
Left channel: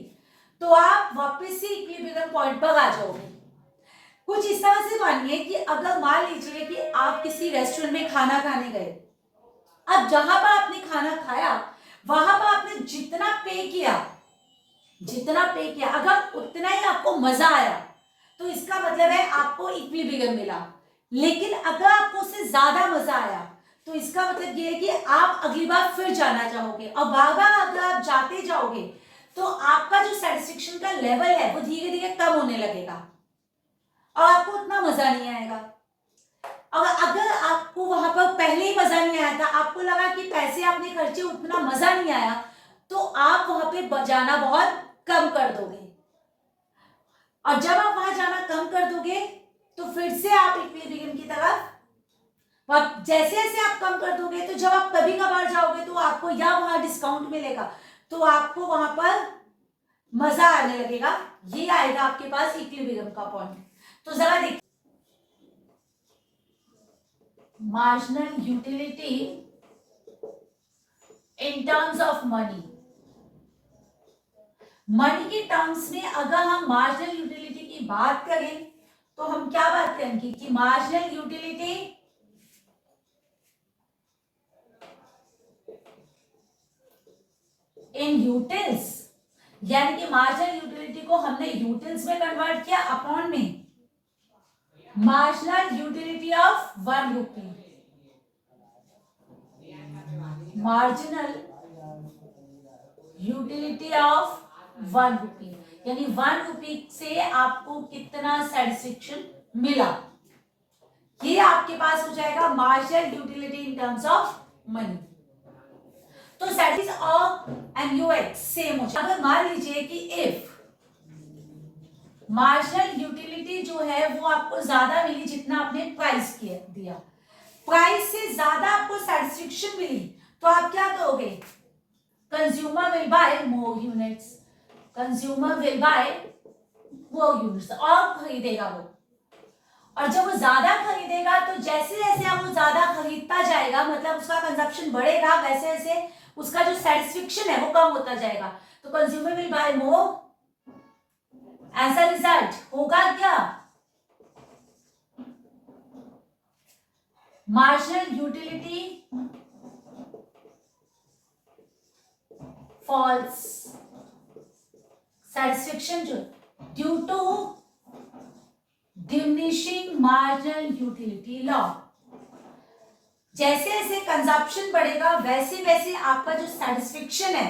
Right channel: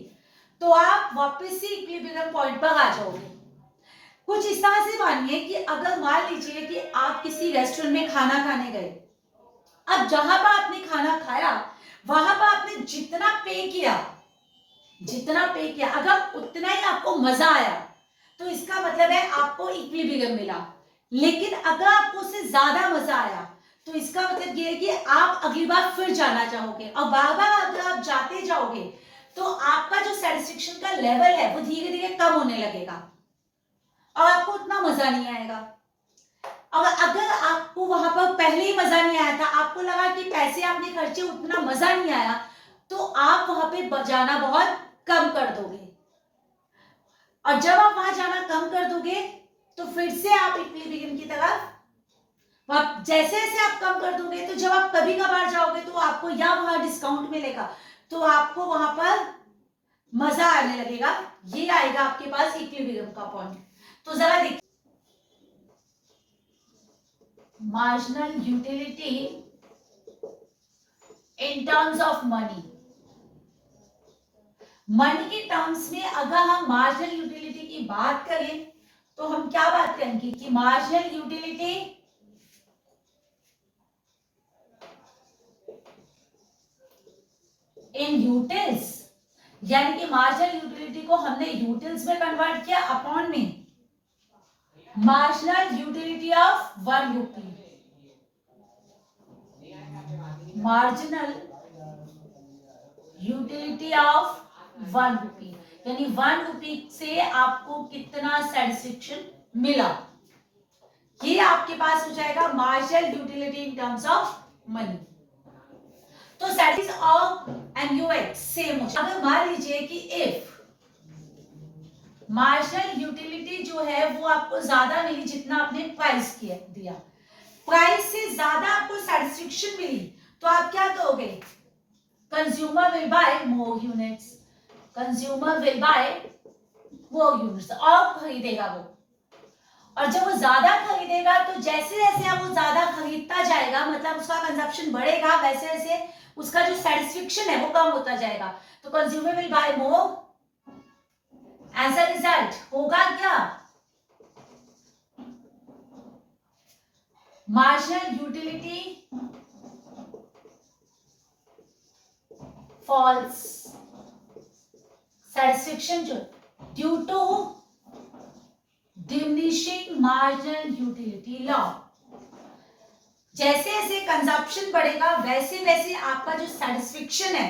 तो आप वापस से इक्विलिब्रियम पॉइंट पर आ जाओगे। कुछ इस तरह से मानिए कि अगर मान लीजिए कि आप किसी रेस्टोरेंट में खाना खाने गए, अब जहां पर आपने खाना खाया वहां पर आपने जितना पे किया अगर उतना ही आपको मजा आया तो इसका मतलब है आपको इक्विलिब्रियम मिला। लेकिन अगर आपको उससे ज्यादा मजा आया तो इसका मतलब ये है कि आप अगली बार फिर जाना चाहोगे, और बार बार अगर आप जाते जाओगे तो आपका जो सेटिस्फेक्शन का लेवल है वो धीरे धीरे कम होने लगेगा और आपको उतना मजा नहीं आएगा। और अगर आपको वहां पर पहले ही मजा नहीं आया था, आपको लगा कि पैसे आपने खर्चे उतना मजा नहीं आया, तो आप वहां पे जाना बहुत कम कर दोगे। और जब आप वहां जाना कम कर दोगे तो फिर से आप इक्विलिब्रियम की तरफ, जैसे जैसे आप कम कर दोगे तो जब आप कभी कभार जाओगे तो आपको या वहां डिस्काउंट मिलेगा तो आपको वहां पर मजा आने लगेगा। ये आएगा आपके पास इक्विलिब्रियम का पॉइंट। तो जरा देखिए, marginal utility in terms of money, money के टर्म्स में अगर हम मार्जिनल यूटिलिटी की बात करें तो हम क्या बात करेंगे कि मार्जिनल यूटिलिटी इन यूटिल्स, यानी कि मार्जिनल यूटिलिटी को हमने यूटिल्स में कन्वर्ट किया अपॉन में marginal utility of 1 rupee, marginal utility of 1 रुपी, यानी 1 रुपी से आपको कितना सेटिस्फेक्शन मिला, ये आपके पास हो जाएगा marginal utility in terms of money. तो सेटिस और एमयूएक्स सेम हो जाएगा। अगर मान लीजिए कि इफ मार्जिनल यूटिलिटी जो है वो आपको ज्यादा मिली जितना आपने प्राइस किया दिया, प्राइस से ज्यादा आपको सैटिस्फैक्शन मिली, तो आप क्या करोगे, consumer will buy more units, consumer will buy more units, और खरीदेगा वो। और जब वो ज्यादा खरीदेगा तो जैसे जैसे वो ज्यादा खरीदता जाएगा, मतलब उसका कंजप्शन बढ़ेगा, वैसे वैसे उसका जो सेटिस्फेक्शन है वो कम होता जाएगा। तो consumer will buy more, as a result होगा क्या, मार्जिनल यूटिलिटी फॉल्स, सेटिस्फेक्शन जो due to diminishing marginal utility law, जैसे जैसे कंजप्शन बढ़ेगा वैसे वैसे आपका जो सेटिस्फेक्शन है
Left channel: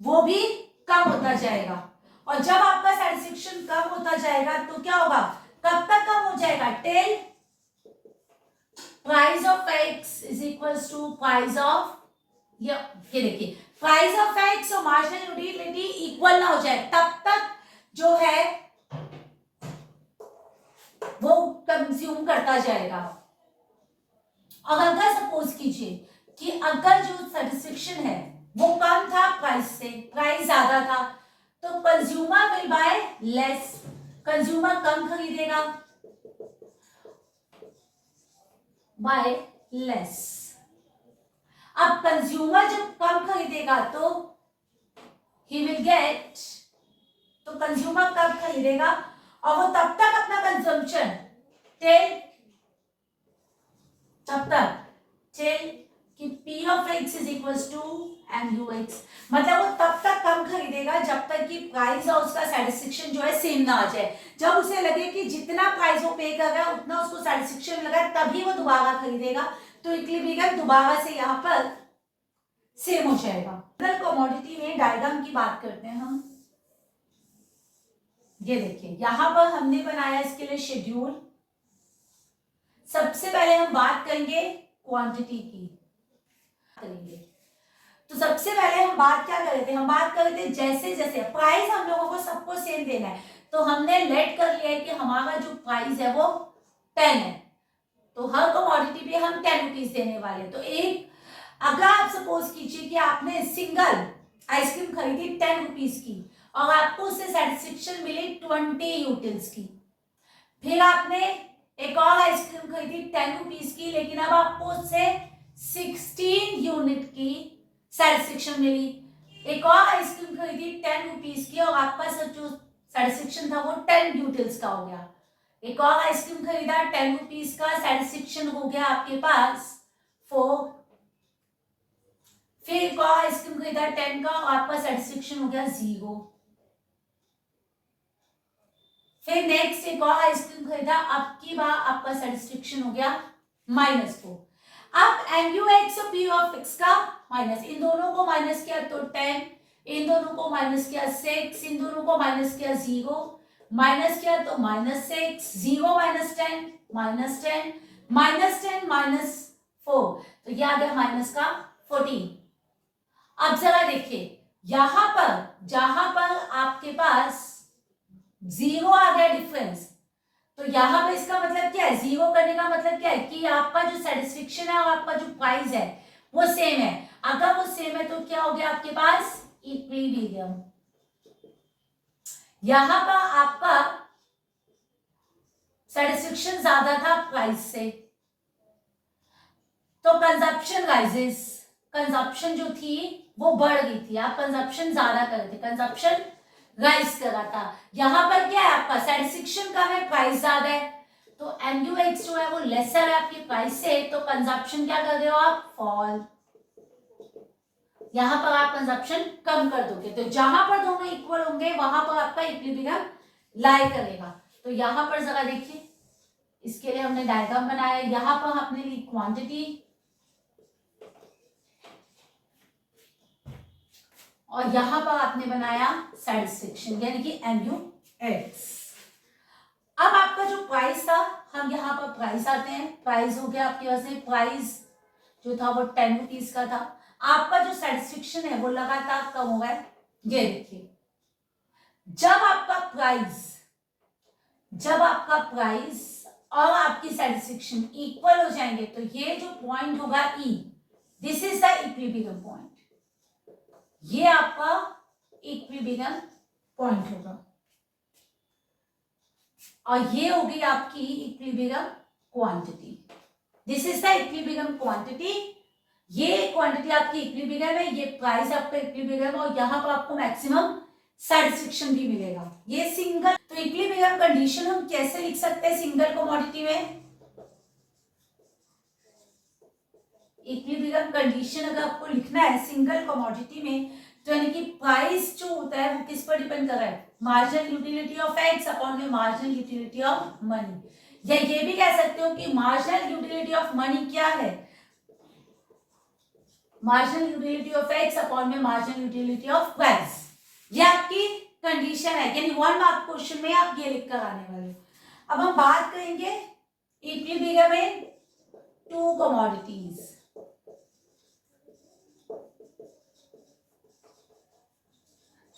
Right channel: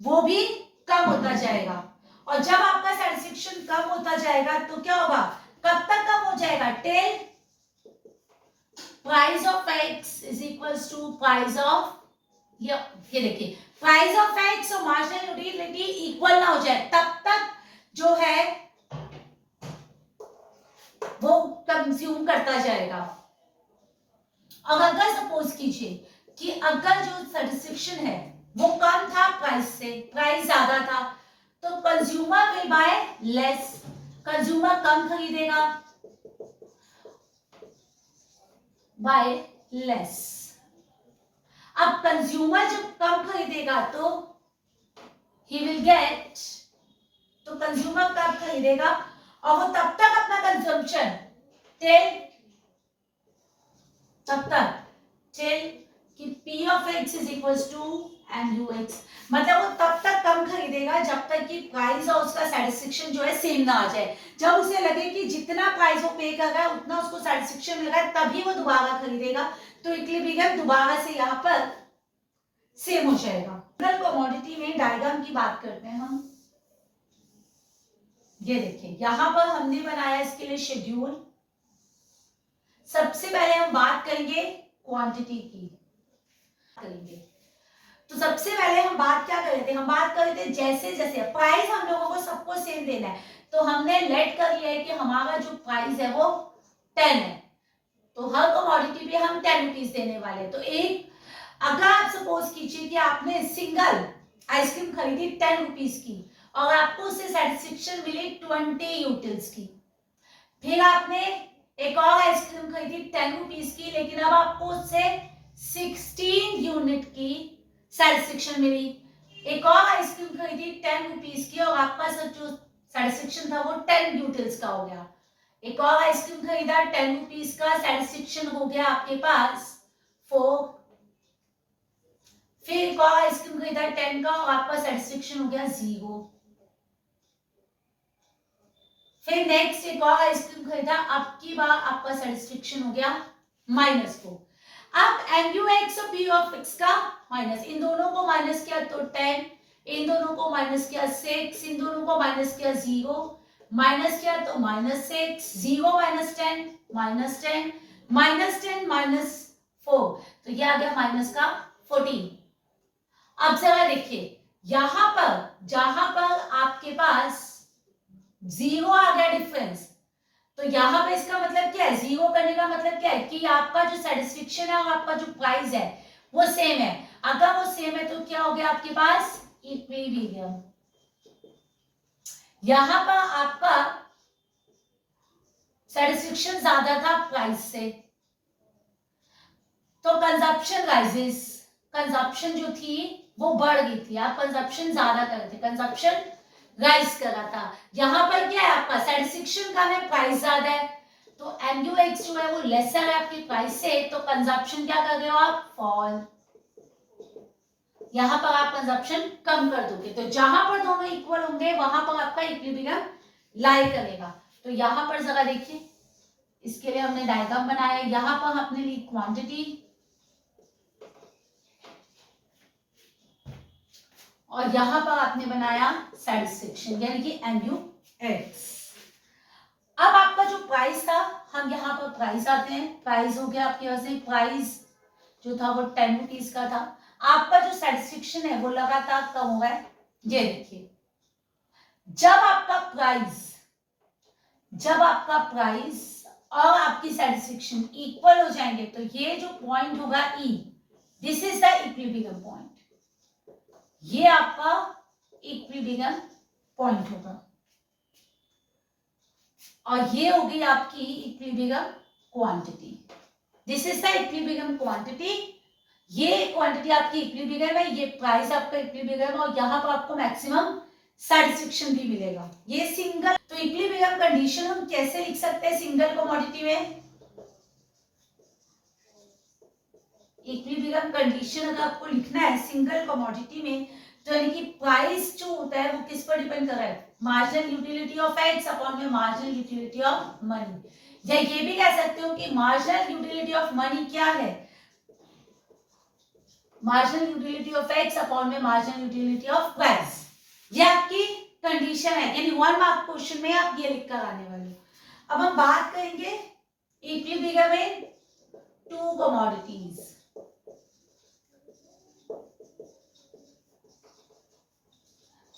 वो भी कम होता जाएगा। और जब आपका सेटिस्फेक्शन कम होता जाएगा तो क्या होगा, कब तक कम हो जाएगा, till price of X is equals to price of, ये देखिए प्राइस ऑफ एक्स और मार्जिनल यूटिलिटी इक्वल ना हो जाए तब तक जो है वो कंज्यूम करता जाएगा। और अगर सपोज कीजिए कि अगर जो सेटिस्फेक्शन है वो कम था प्राइस से, प्राइस ज्यादा था, तो consumer will buy less, consumer कम खरीदेगा बाय लेस। अब कंज्यूमर जब कम खरीदेगा तो ही विल गेट, तो कंज्यूमर कम खरीदेगा और वो तब तक अपना कंजम्पशन टिल कि P of x is equals to MUX, मतलब वो तब तक कम खरीदेगा जब तक कि प्राइस और उसका सेटिस्फेक्शन जो है सेम ना आ जाए। जब उसे लगे कि जितना प्राइस वो पे कर रहा है उतना उसको सेटिस्फेक्शन लगा तभी वो दोबारा खरीदेगा, तो इक्विलिब्रियम दोबारा से यहाँ पर सेम हो जाएगा। कमोडिटी में डायग्राम की बात करते हैं हम, ये देखिए यहां पर हमने बनाया इसके लिए शेड्यूल। सबसे पहले हम बात करेंगे क्वांटिटी की, करेंगे। तो सबसे पहले हम बात क्या कर रहे थे, हम बात कर रहे थे जैसे जैसे प्राइस हम लोगों को सबको सेम देना है, तो हमने लेट कर लिया है कि हमारा जो प्राइस है वो 10 है, तो हर कमोडिटी पे हम 10 रुपीज देने वाले हैं। तो एक अगर आप सपोज कीजिए कि आपने सिंगल आइसक्रीम खरीदी 10 रुपीज की और आपको उससे सेटिस्फेक्शन मिली 20 यूटिल्स की, फिर आपने एक और आइसक्रीम खरीदी 10 रुपीज की, लेकिन अब आपको उससे 16 यूनिट की सेटिस्फेक्शन मिली। एक और आइसक्रीम खरीदी 10 रुपीज की और आपका जो सेटिस्फेक्शन था वो 10 यूटिल्स का हो गया। एक और आइसक्रीम खरीदा 10 रुपीज का, सेटिस्फेक्शन हो गया आपके पास 4। फिर एक और आइसक्रीम खरीदा 10 का और आपका सेटिस्फेक्शन हो गया 0। फिर नेक्स्ट एक और आइसक्रीम खरीदा, अब की बार आपका सेटिस्फेक्शन हो गया -4। अब MUX और PUX का माइनस, इन दोनों को माइनस किया तो 10, इन दोनों को माइनस किया 6, इन दोनों को माइनस किया 0, माइनस किया तो -6, 0 -10, -10, -10 -4, तो ये आ गया माइनस का 14। अब जरा देखिए यहां पर जहां पर आपके पास 0 आ गया डिफरेंस, तो यहां पर इसका मतलब क्या है, 0 करने का मतलब क्या है कि आपका जो सेटिस्फेक्शन है और आपका जो प्राइस है वो सेम है। अगर वो सेम है तो क्या हो गया आपके पास इक्विलिब्रियम। यहां पर आपका सेटिस्फेक्शन ज्यादा था प्राइस से, तो कंजप्शन राइजेस, कंजप्शन जो थी वो बढ़ गई थी, आप कंजप्शन ज्यादा कर रहे थे, कंजप्शन राइज कर रहा था। यहां पर क्या है आपका सेटिस्फेक्शन कम है, प्राइस ज्यादा है, तो MUX जो है वो लेसर है आपकी प्राइस से, तो कंजप्शन क्या कर रहे हो आप, फॉल। यहां पर आप कंजप्शन कम कर दोगे, तो जहां पर दोनों इक्वल होंगे वहां पर आपका इक्विलिब्रियम लाई करेगा। तो यहां पर जरा देखिए, इसके लिए हमने डायग्राम बनाया, यहां पर आपने ली क्वांटिटी और यहां पर आपने बनाया सेटिस्फेक्शन यानी कि MUX। अब आपका जो प्राइस था, हम यहाँ पर प्राइस आते हैं, प्राइस हो गया आपके पास में, प्राइस जो था वो 10 रुपीज का था। आपका जो सेटिस्फेक्शन है वो लगातार कम हो गया है। ये देखिए जब आपका प्राइस और आपकी सेटिस्फेक्शन इक्वल हो जाएंगे तो ये जो पॉइंट होगा E, this is the equilibrium point, ये आपका इक्विलिब्रियम पॉइंट होगा और ये होगी आपकी equilibrium quantity. This is the equilibrium quantity, ये क्वांटिटी आपकी इक्विलिब्रियम है, ये प्राइस आपका इक्विलिब्रियम है और यहां पर आपको मैक्सिमम सेटिस्फेक्शन भी मिलेगा। ये सिंगल, तो इक्विलिब्रियम कंडीशन हम कैसे लिख सकते हैं सिंगल कमोडिटी में, इक्विलिब्रियम कंडीशन अगर आपको लिखना है सिंगल कमोडिटी में, तो यानी कि प्राइस जो होता है वो किस पर डिपेंड कर रहा है, marginal utility of X upon में मार्जिनल यूटिलिटी ऑफ मनी। या ये भी कह सकते हो कि मार्जिनल यूटिलिटी ऑफ मनी क्या है, marginal utility of X upon में मार्जिनल यूटिलिटी ऑफ प्राइस। ये आपकी कंडीशन है, यानी 1 मार्क क्वेश्चन में आप ये लिख कर आने वाले। अब हम बात करेंगे इक्विलिब्रियम में 2 कमोडिटीज।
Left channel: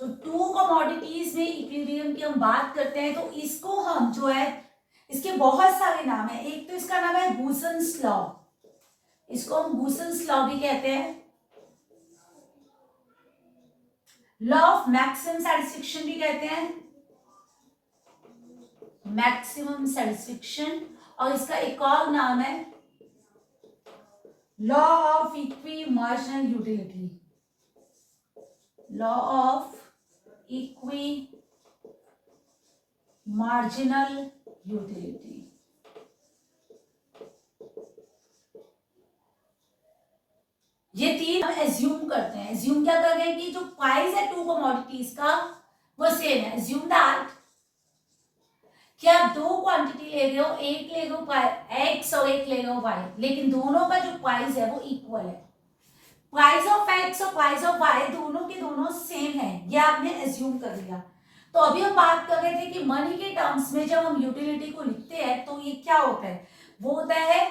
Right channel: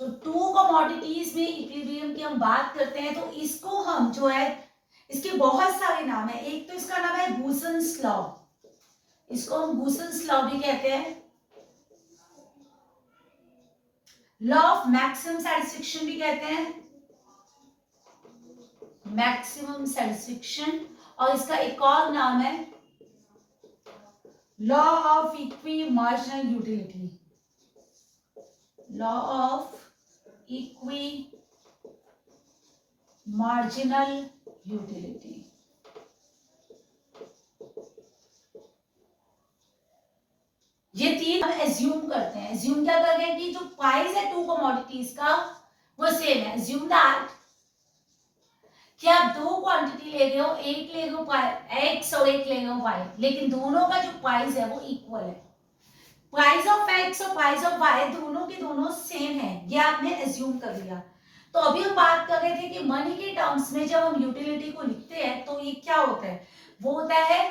तो 2 कमोडिटीज में इक्विलिब्रियम की हम बात करते हैं, तो इसको हम जो है, इसके बहुत सारे नाम है, एक तो इसका नाम है गूसन्स लॉ, इसको हम गूसन्स लॉ भी कहते हैं, लॉ ऑफ मैक्सिमम सेटिस्फेक्शन भी कहते हैं, मैक्सिमम सेटिस्फेक्शन, और इसका एक और नाम है law of equi marginal utility, law of equi marginal utility. ये 3 हम एज्यूम करते हैं, एज्यूम क्या कर रहे हैं कि जो प्राइस है 2 कमोडिटीज का वो सेम है। एज्यूम दैट कि आप 2 क्वांटिटी ले रहे हो, एक ले रहे हो एक्स और एक ले रहे हो वाई, लेकिन दोनों का जो प्राइस है वो इक्वल है, प्राइस ऑफ एक्स और प्राइस ऑफ वाई दोनों के दोनों सेम है, ये आपने एज्यूम कर लिया। तो अभी हम बात कर रहे थे कि मनी के टर्म्स में जब हम यूटिलिटी को लिखते हैं तो ये क्या होता है, वो होता है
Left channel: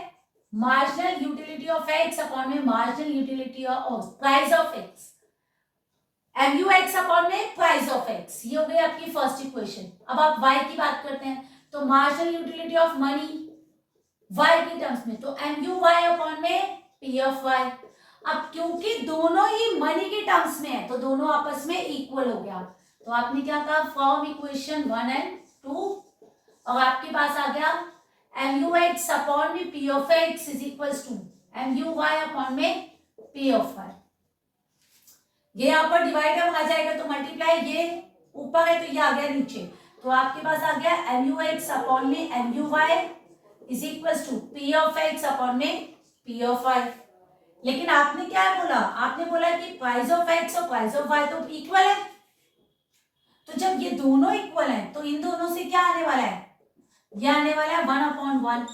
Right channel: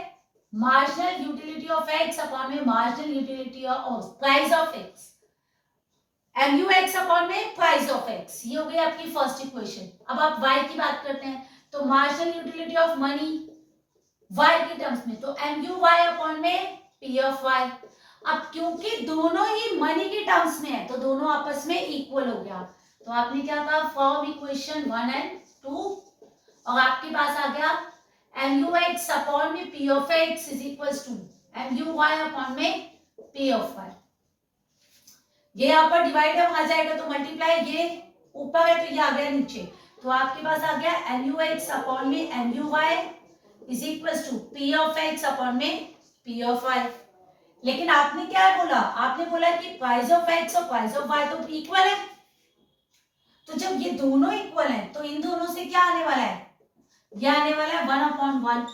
marginal utility of X upon में marginal utility of price of X, M U X upon में प्राइस ऑफ एक्स, ये हो गई आपकी फर्स्ट इक्वेशन। अब आप वाई की बात करते हैं, तो marginal utility of money why के टर्म्स में, तो एम यू वाई अपॉन में पी ऑफ वाई। अब क्योंकि दोनों ही मनी के टर्म्स में है तो दोनों आपस में इक्वल हो गया, तो आपने क्या कहा, फ्रॉम इक्वेशन 1 एंड 2, और आपके पास आ गया एम यू एक्स अपॉन में P of X is equal to M U Y upon में पी ऑफ वाई। ये यहाँ पर डिवाइड है, वहां जाएगा तो मल्टीप्लाई, ये ऊपर है तो ये आ गया नीचे, तो आपके पास आ गया एम यू एक्स अपॉन में M U Y is equal to P of X upon में पी ऑफ वाई। लेकिन आपने क्या बोला, आपने बोला कि प्राइस ऑफ एक्स और प्राइस ऑफ वाई तो इक्वल है, तो जब ये दोनों इक्वल हैं तो इन दोनों से क्या आने वाला है, ये आने वाला है 1/1,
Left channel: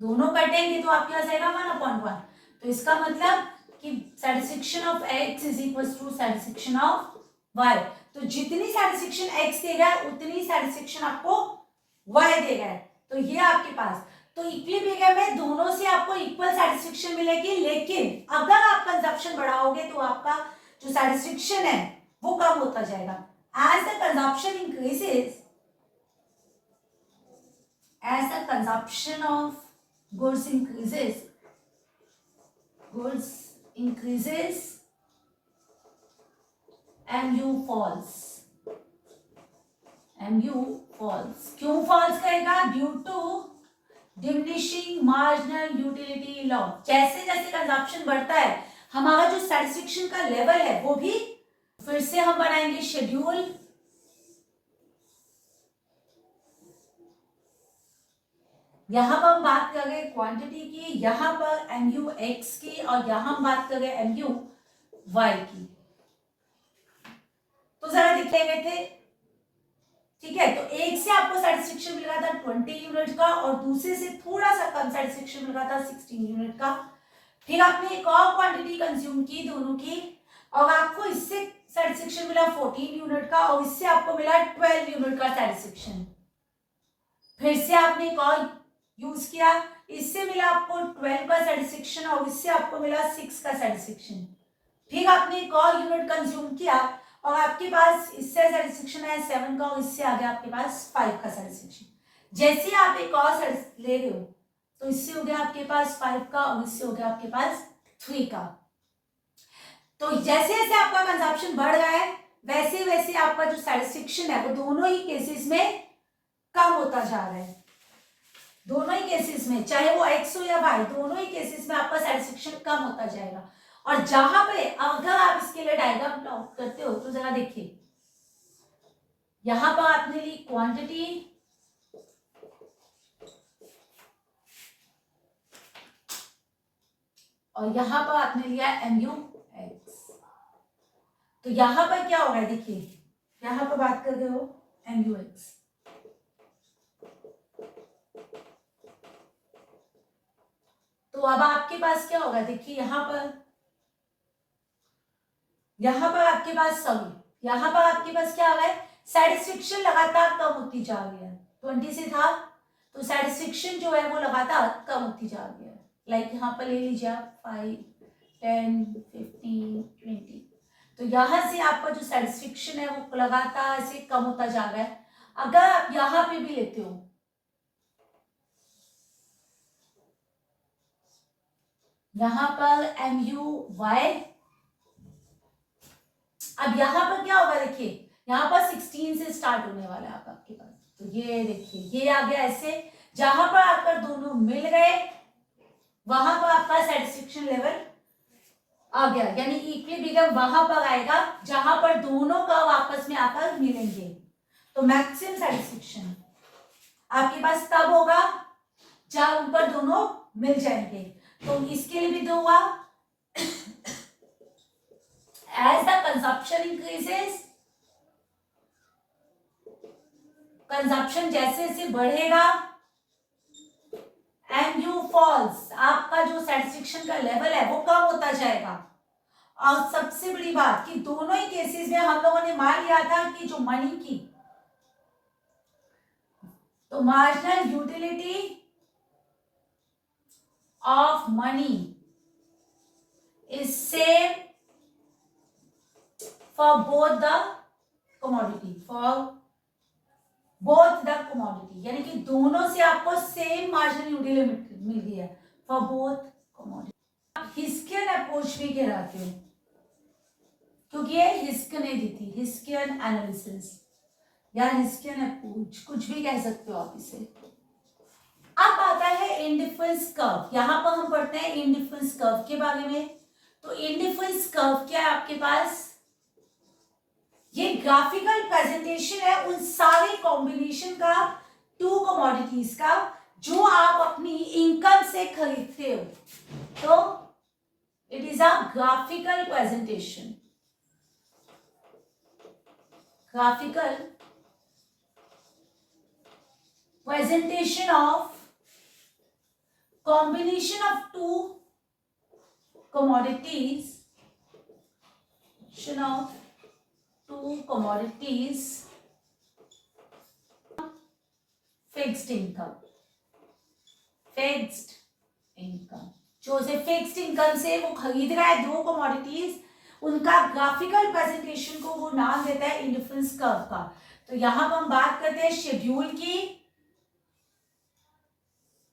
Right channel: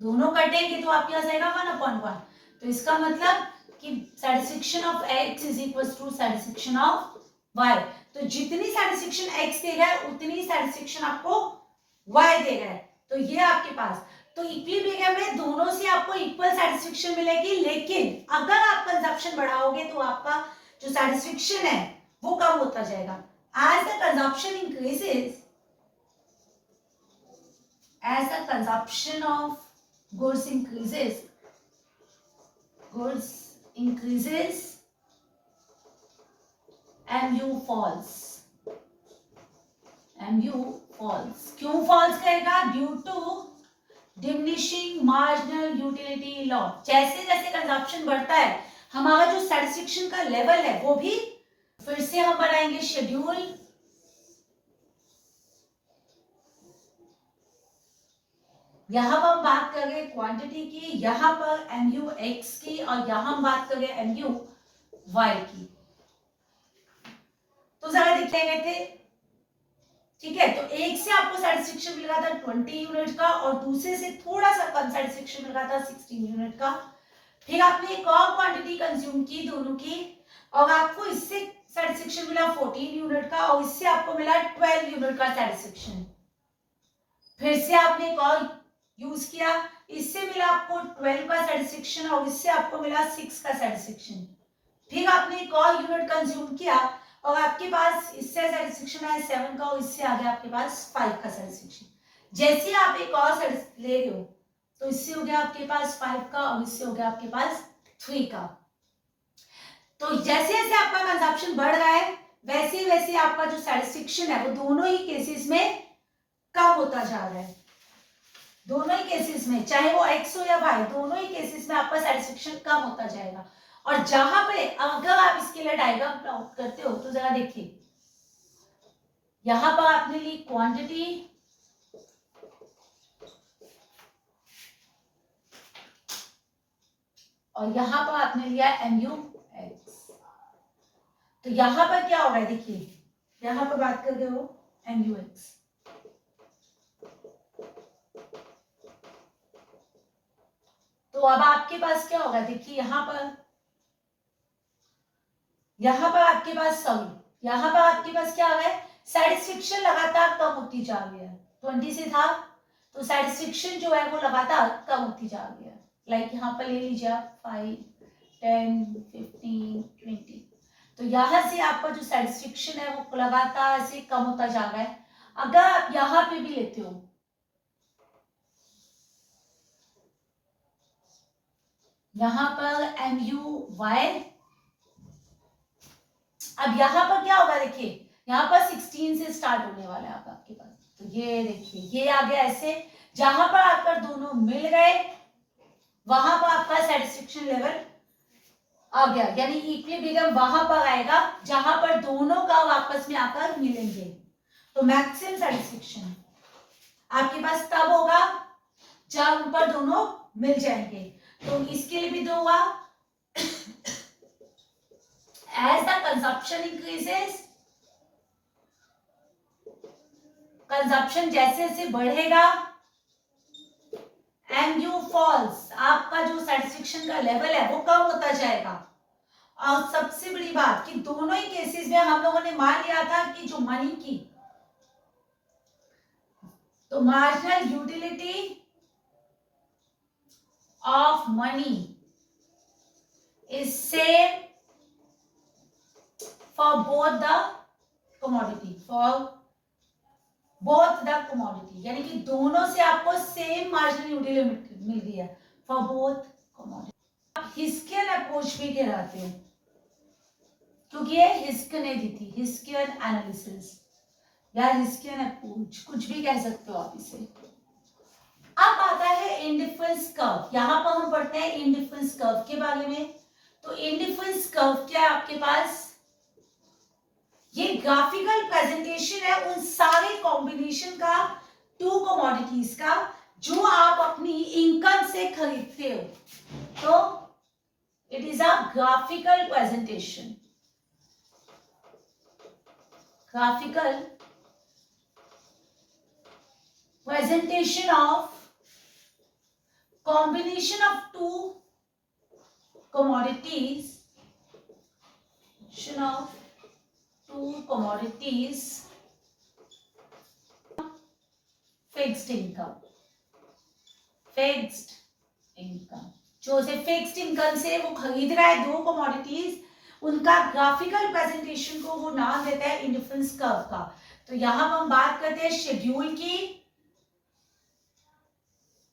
दोनों कटेंगे तो आपके पास आएगा 1/1, तो इसका मतलब कि satisfaction of x is equal to satisfaction of y, तो जितनी सैटिस्फैक्शन x देगा उतनी सैटिस्फैक्शन आपको y देगा, तो ये आपके पास, तो इक्विलिब्रियम में दोनों से आपको इक्वल सैटिस्फैक्शन मिलेगी, लेकिन अगर आप कंजप्शन बढ़ाओगे तो आपका जो सैटिस्फैक्शन है वो कम होता जाएगा। As the consumption increases, as the consumption of goods increases mu falls, क्यों फॉल्स करेगा, due to diminishing marginal utility law. जैसे जैसे कंजप्शन बढ़ता है हमारा जो सैटिस्फैक्शन का लेवल है वो भी, फिर से हम बनाएंगे शेड्यूल, यहां पर हम बात कर रहे हैं क्वांटिटी की, यहां पर एम यू एक्स की, और यहां हम बात कर रहे हैं एम यू वाई की, तो जरा दिख गए थे, ठीक है। तो एक से आपको सैटिस्फैक्शन मिल रहा था 20 यूनिट का और दूसरे से थोड़ा सा कम सैटिस्फैक्शन मिल रहा था 16 यूनिट का। फिर आपने एक और क्वांटिटी कंज्यूम की दोनों की, और आपको इससे सैटिस्फैक्शन मिला 14 यूनिट का और इससे आपको मिला 12 यूनिट का सैटिस्फैक्शन। फिर से आपने एक और यूज किया, इससे मिला आपको 12 का सैटिस्फैक्शन और इससे आपको मिला 6 का सैटिस्फैक्शन। फिर आपने एक और यूनिट कंज्यूम किया और आपके पास इससे सैटिस्फैक्शन है 7 का और इससे आ गया आपके पास 5 का सैटिस्फैक्शन। जैसे आप एक और ले रहे हो तो इससे हो गया आपके पास 5 का और इससे हो गया आपके पास 3 का। तो जैसे जैसे आपका कंजप्शन बढ़ रहा है वैसे वैसे आपका जो सैटिस्फैक्शन है वो दोनों ही केसेस में कम होता जा रहा है। दोनों ही केसेस में, चाहे वो एक्स हो या वाई, दोनों ही केसेस में आपका सैटिस्फैक्शन कम होता जाएगा। और जहां पे अगर आप इसके लिए डायग्राम प्लॉट करते हो तो जरा देखिए, यहां पर आपने ली क्वांटिटी और यहां पर आपने लिया एम यू एक्स, तो यहां पर क्या हो रहा है देखिए, यहां पर बात कर रहे हो एम यू एक्स, तो अब आपके पास क्या होगा देखिए, यहां पर आपके पास सॉरी यहां पर आपके पास क्या हो रहा है, सैटिस्फैक्शन लगातार कम होती जा रही है। 20 से था तो सैटिस्फैक्शन जो है वो लगातार कम होती जा रही है। लाइक यहाँ पर ले लीजिए आप 5, 10, 15, 20, तो यहां से आपका जो सैटिस्फैक्शन है वो लगातार से कम होता जा रहा है। अगर आप यहाँ पे भी लेते हो, यहां पर एम यू वाई, अब यहां पर क्या होगा देखिए, यहां पर 16 से स्टार्ट होने वाला है आपके पास, तो ये देखिए ये आ गया ऐसे, जहां पर आकर दोनों मिल गए वहां पर आपका सैटिस्फैक्शन लेवल आ गया, यानी इक्विलिब्रियम वहां पर आएगा जहां पर दोनों का आपस में आकर मिलेंगे। तो मैक्सिमम सैटिस्फैक्शन आपके पास तब होगा जब उन पर दोनों मिल जाएंगे। तो इसके लिए भी दो हुआ, as the consumption increases, consumption जैसे जैसे बढ़ेगा एम यू फॉल्स, आपका जो सैटिस्फैक्शन का लेवल है वो कम होता जाएगा। और सबसे बड़ी बात कि दोनों ही केसेस में हम लोगों ने मान लिया था कि जो मनी की तो marginal utility of money is same for both the commodity, यानी कि दोनों से आपको सेम मार्जिनल यूटिलिटी मिल रही है फॉर बोथ कमोडिटी। हिस्कियन अप्रोच भी कहलाते हैं क्योंकि ये हिस्कियन ने दी थी, हिस्कियन एनालिसिस या हिस्कियन अप्रोच, कुछ भी कह सकते हो आप इसे। अब आता है इंडिफरेंस कर्व। यहां पर हम पढ़ते हैं इंडिफरेंस कर्व के बारे में। तो इंडिफरेंस कर्व क्या है आपके पास, ये ग्राफिकल प्रेजेंटेशन है उन सारे कॉम्बिनेशन का टू कमोडिटीज का जो आप अपनी इनकम से खरीदते हो। तो it is a graphical presentation, graphical presentation of combination of two commodities, fixed income, जो उसे फिक्स्ड इनकम से वो खरीद रहा है दो कमोडिटीज, उनका ग्राफिकल प्रेजेंटेशन को वो नाम देता है इंडिफरेंस कर्व का। तो यहां पर हम बात करते हैं शेड्यूल की।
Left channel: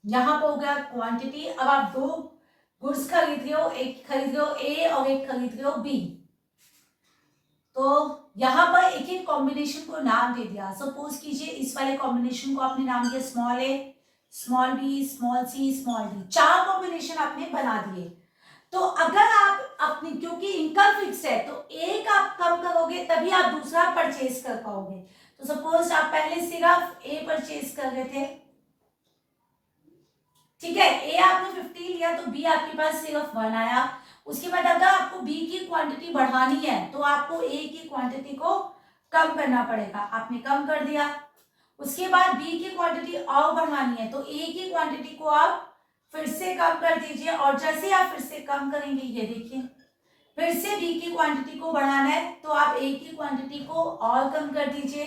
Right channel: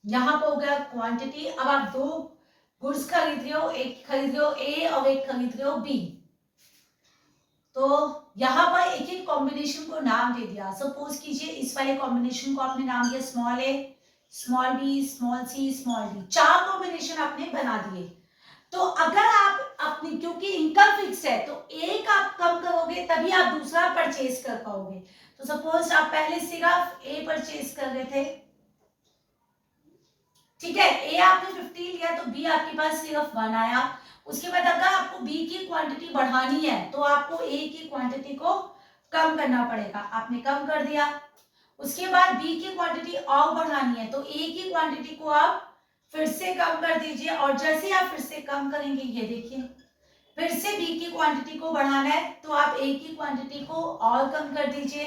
यहां पर हो गया क्वांटिटी। अब आप दो गुड्स खरीद रहे हो, एक खरीद रहे हो ए और एक खरीद रहे हो बी। तो यहां पर एक एक कॉम्बिनेशन को नाम दे दिया। सपोज कीजिए इस वाले कॉम्बिनेशन को आपने नाम दिया स्मॉल ए, small B, small C, small D. चार कॉम्बिनेशन आपने बना दिए। तो अगर आप अपनी, क्योंकि इनकम फिक्स है तो एक आप कम करोगे तभी आप दूसरा परचेज कर पाओगे। तो सपोज आप पहले सिर्फ ए परचेज कर रहे थे, ठीक है, ए आपने 50 लिया तो बी आपके पास सिर्फ 1 आया। उसके बाद अगर आपको बी की क्वांटिटी बढ़ानी है तो आपको ए की क्वांटिटी को कम करना पड़ेगा, आपने कम कर दिया। उसके बाद बी की क्वांटिटी और बढ़ानी है तो ए की क्वांटिटी को आप फिर से कम कर दीजिए, और जैसे आप फिर से कम करेंगे, ये देखिए फिर से बी की क्वांटिटी को बढ़ाना है तो आप ए की क्वांटिटी को और कम कर दीजिए,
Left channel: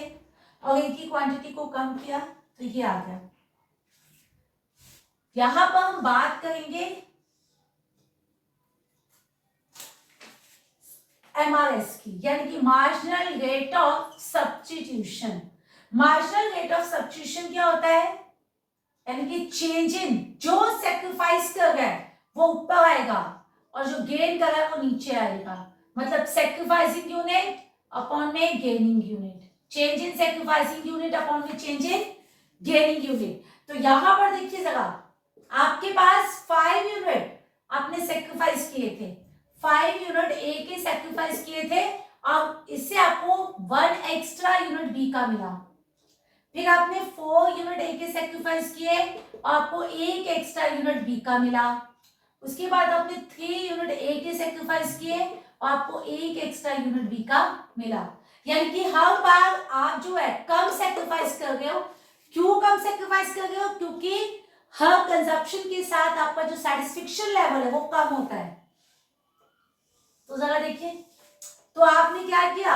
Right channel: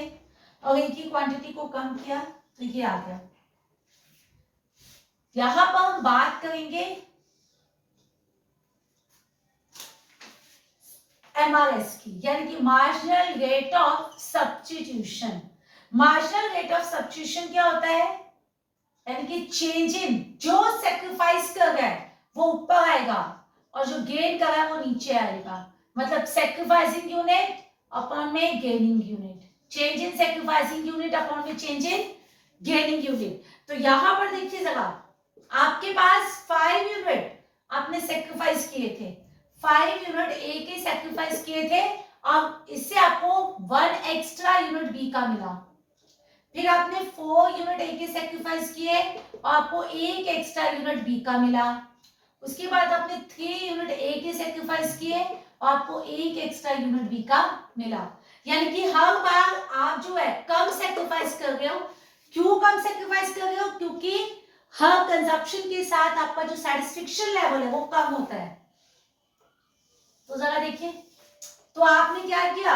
और ए की क्वांटिटी को कम किया तो ये आ गया। यहां पर हम बात करेंगे एमआरएस की, यानी कि marginal rate of substitution. Marginal rate of substitution क्या होता है, यानी कि चेंज इन, जो सेक्रीफाइस कर रहा है वो ऊपर आएगा और जो गेन कर रहा है वो नीचे आएगा। मतलब सेक्रीफाइसिंग यूनिट अपॉन में gaining unit, change in sacrificing unit upon में चेंज इन गेनिंग यूनिट। तो यहां पर देखिए जरा, आपके पास 5 यूनिट आपने सेक्रीफाइस किए थे, 5 यूनिट ए के सेक्रीफाइस किए थे, और इससे आपको 1 एक्स्ट्रा यूनिट बी का मिला। फिर आपने 4 यूनिट ए के सेक्रीफाइस किए और आपको 1 एक्स्ट्रा यूनिट बी का मिला। उसके बाद आपने 3 यूनिट ए के सेक्रीफाइस किए और आपको 1 एक्स्ट्रा यूनिट बी का मिला। यानी कि हर बार आप जो है कम सेक्रीफाइस कर रहे हो। क्यों कम सेक्रीफाइस कर रहे हो, क्योंकि हर कंजप्शन के साथ आपका जो सेटिस्फेक्शन लेवल है वो कम होता है। तो जरा देखिए, तो आपने क्या किया,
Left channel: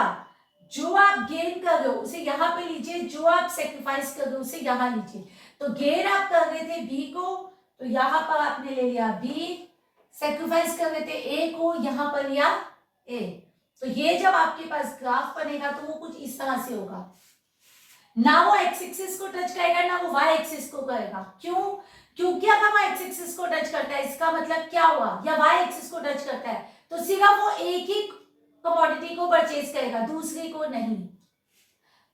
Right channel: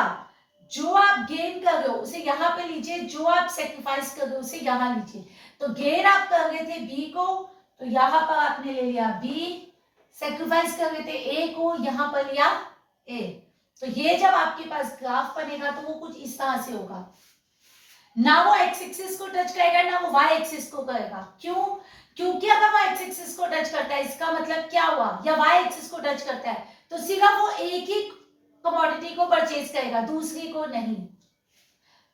जो आप गेन कर रहे हो उसे यहां पे लीजिए, जो आप सेक्रीफाइस कर रहे हो उसे यहां लीजिए। तो गेन आप कर रहे थे बी को, तो यहां पर आपने ले लिया बी, सेक्रीफाइस कर रहे थे ए को, यहां पर लिया ए। तो ये जब आपके पास ग्राफ बनेगा तो वो कुछ इस तरह से होगा, ना वो एक्स एक्सिस को टच करेगा ना वो वाई एक्सिस को करेगा। क्यों, क्योंकि अगर वो एक्स एक्सिस को टच करता है इसका मतलब क्या हुआ, या वाई एक्सिस को टच करता है तो सिर्फ वो एक ही कमोडिटी को परचेज करेगा, दूसरी को नहीं।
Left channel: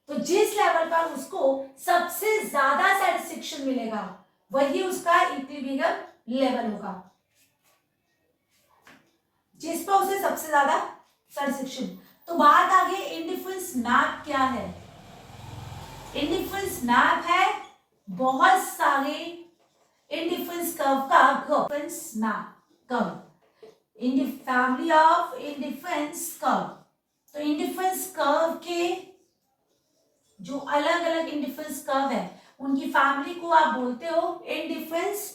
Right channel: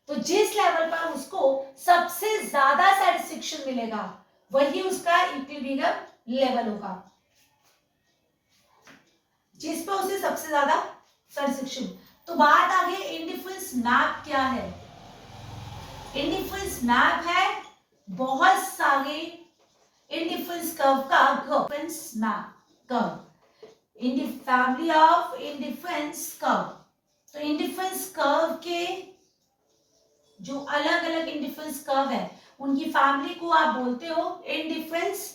तो जिस लेवल पर उसको सबसे ज्यादा सेटिस्फेक्शन मिलेगा वही उसका इक्विलिब्रियम लेवल होगा, जिस पर उसे सबसे ज्यादा सेटिस्फेक्शन। तो बात आ गई इंडिफरेंस मैप क्या है। इंडिफरेंस मैप है बहुत सारे इंडिफरेंस कर्व का indifference map curve, in the family of indifference curve. तो इंडिफरेंस कर्व के जो अलग अलग इंडिफरेंस कर्व है उनकी फैमिली को आप बोलते हो इंडिफरेंस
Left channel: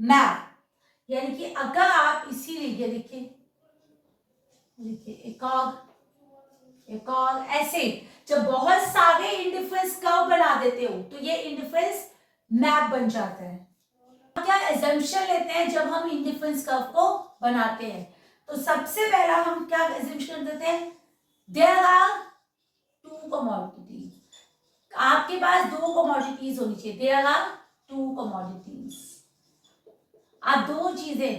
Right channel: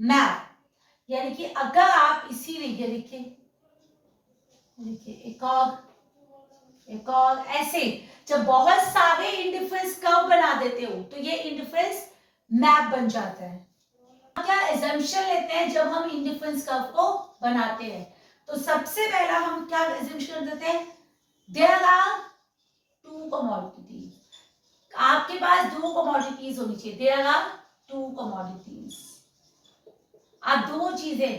मैप। यानी कि अगर आप इसी लीजिए, देखिए एक और ऐसे जब बहुत सारे इंडिफरेंस कर्व बना देते हो तो ये इंडिफरेंस मैप बन जाता है। क्या एजम्पशन लेते हैं जब हम इंडिफरेंस कर्व को बनाते हैं? तो सबसे पहला हम क्या एजम्पशन देते हैं? There are two commodities. आपके पास दो कमोडिटीज होनी चाहिए। देयर आर टू कमोडिटीज, आप दो चीजें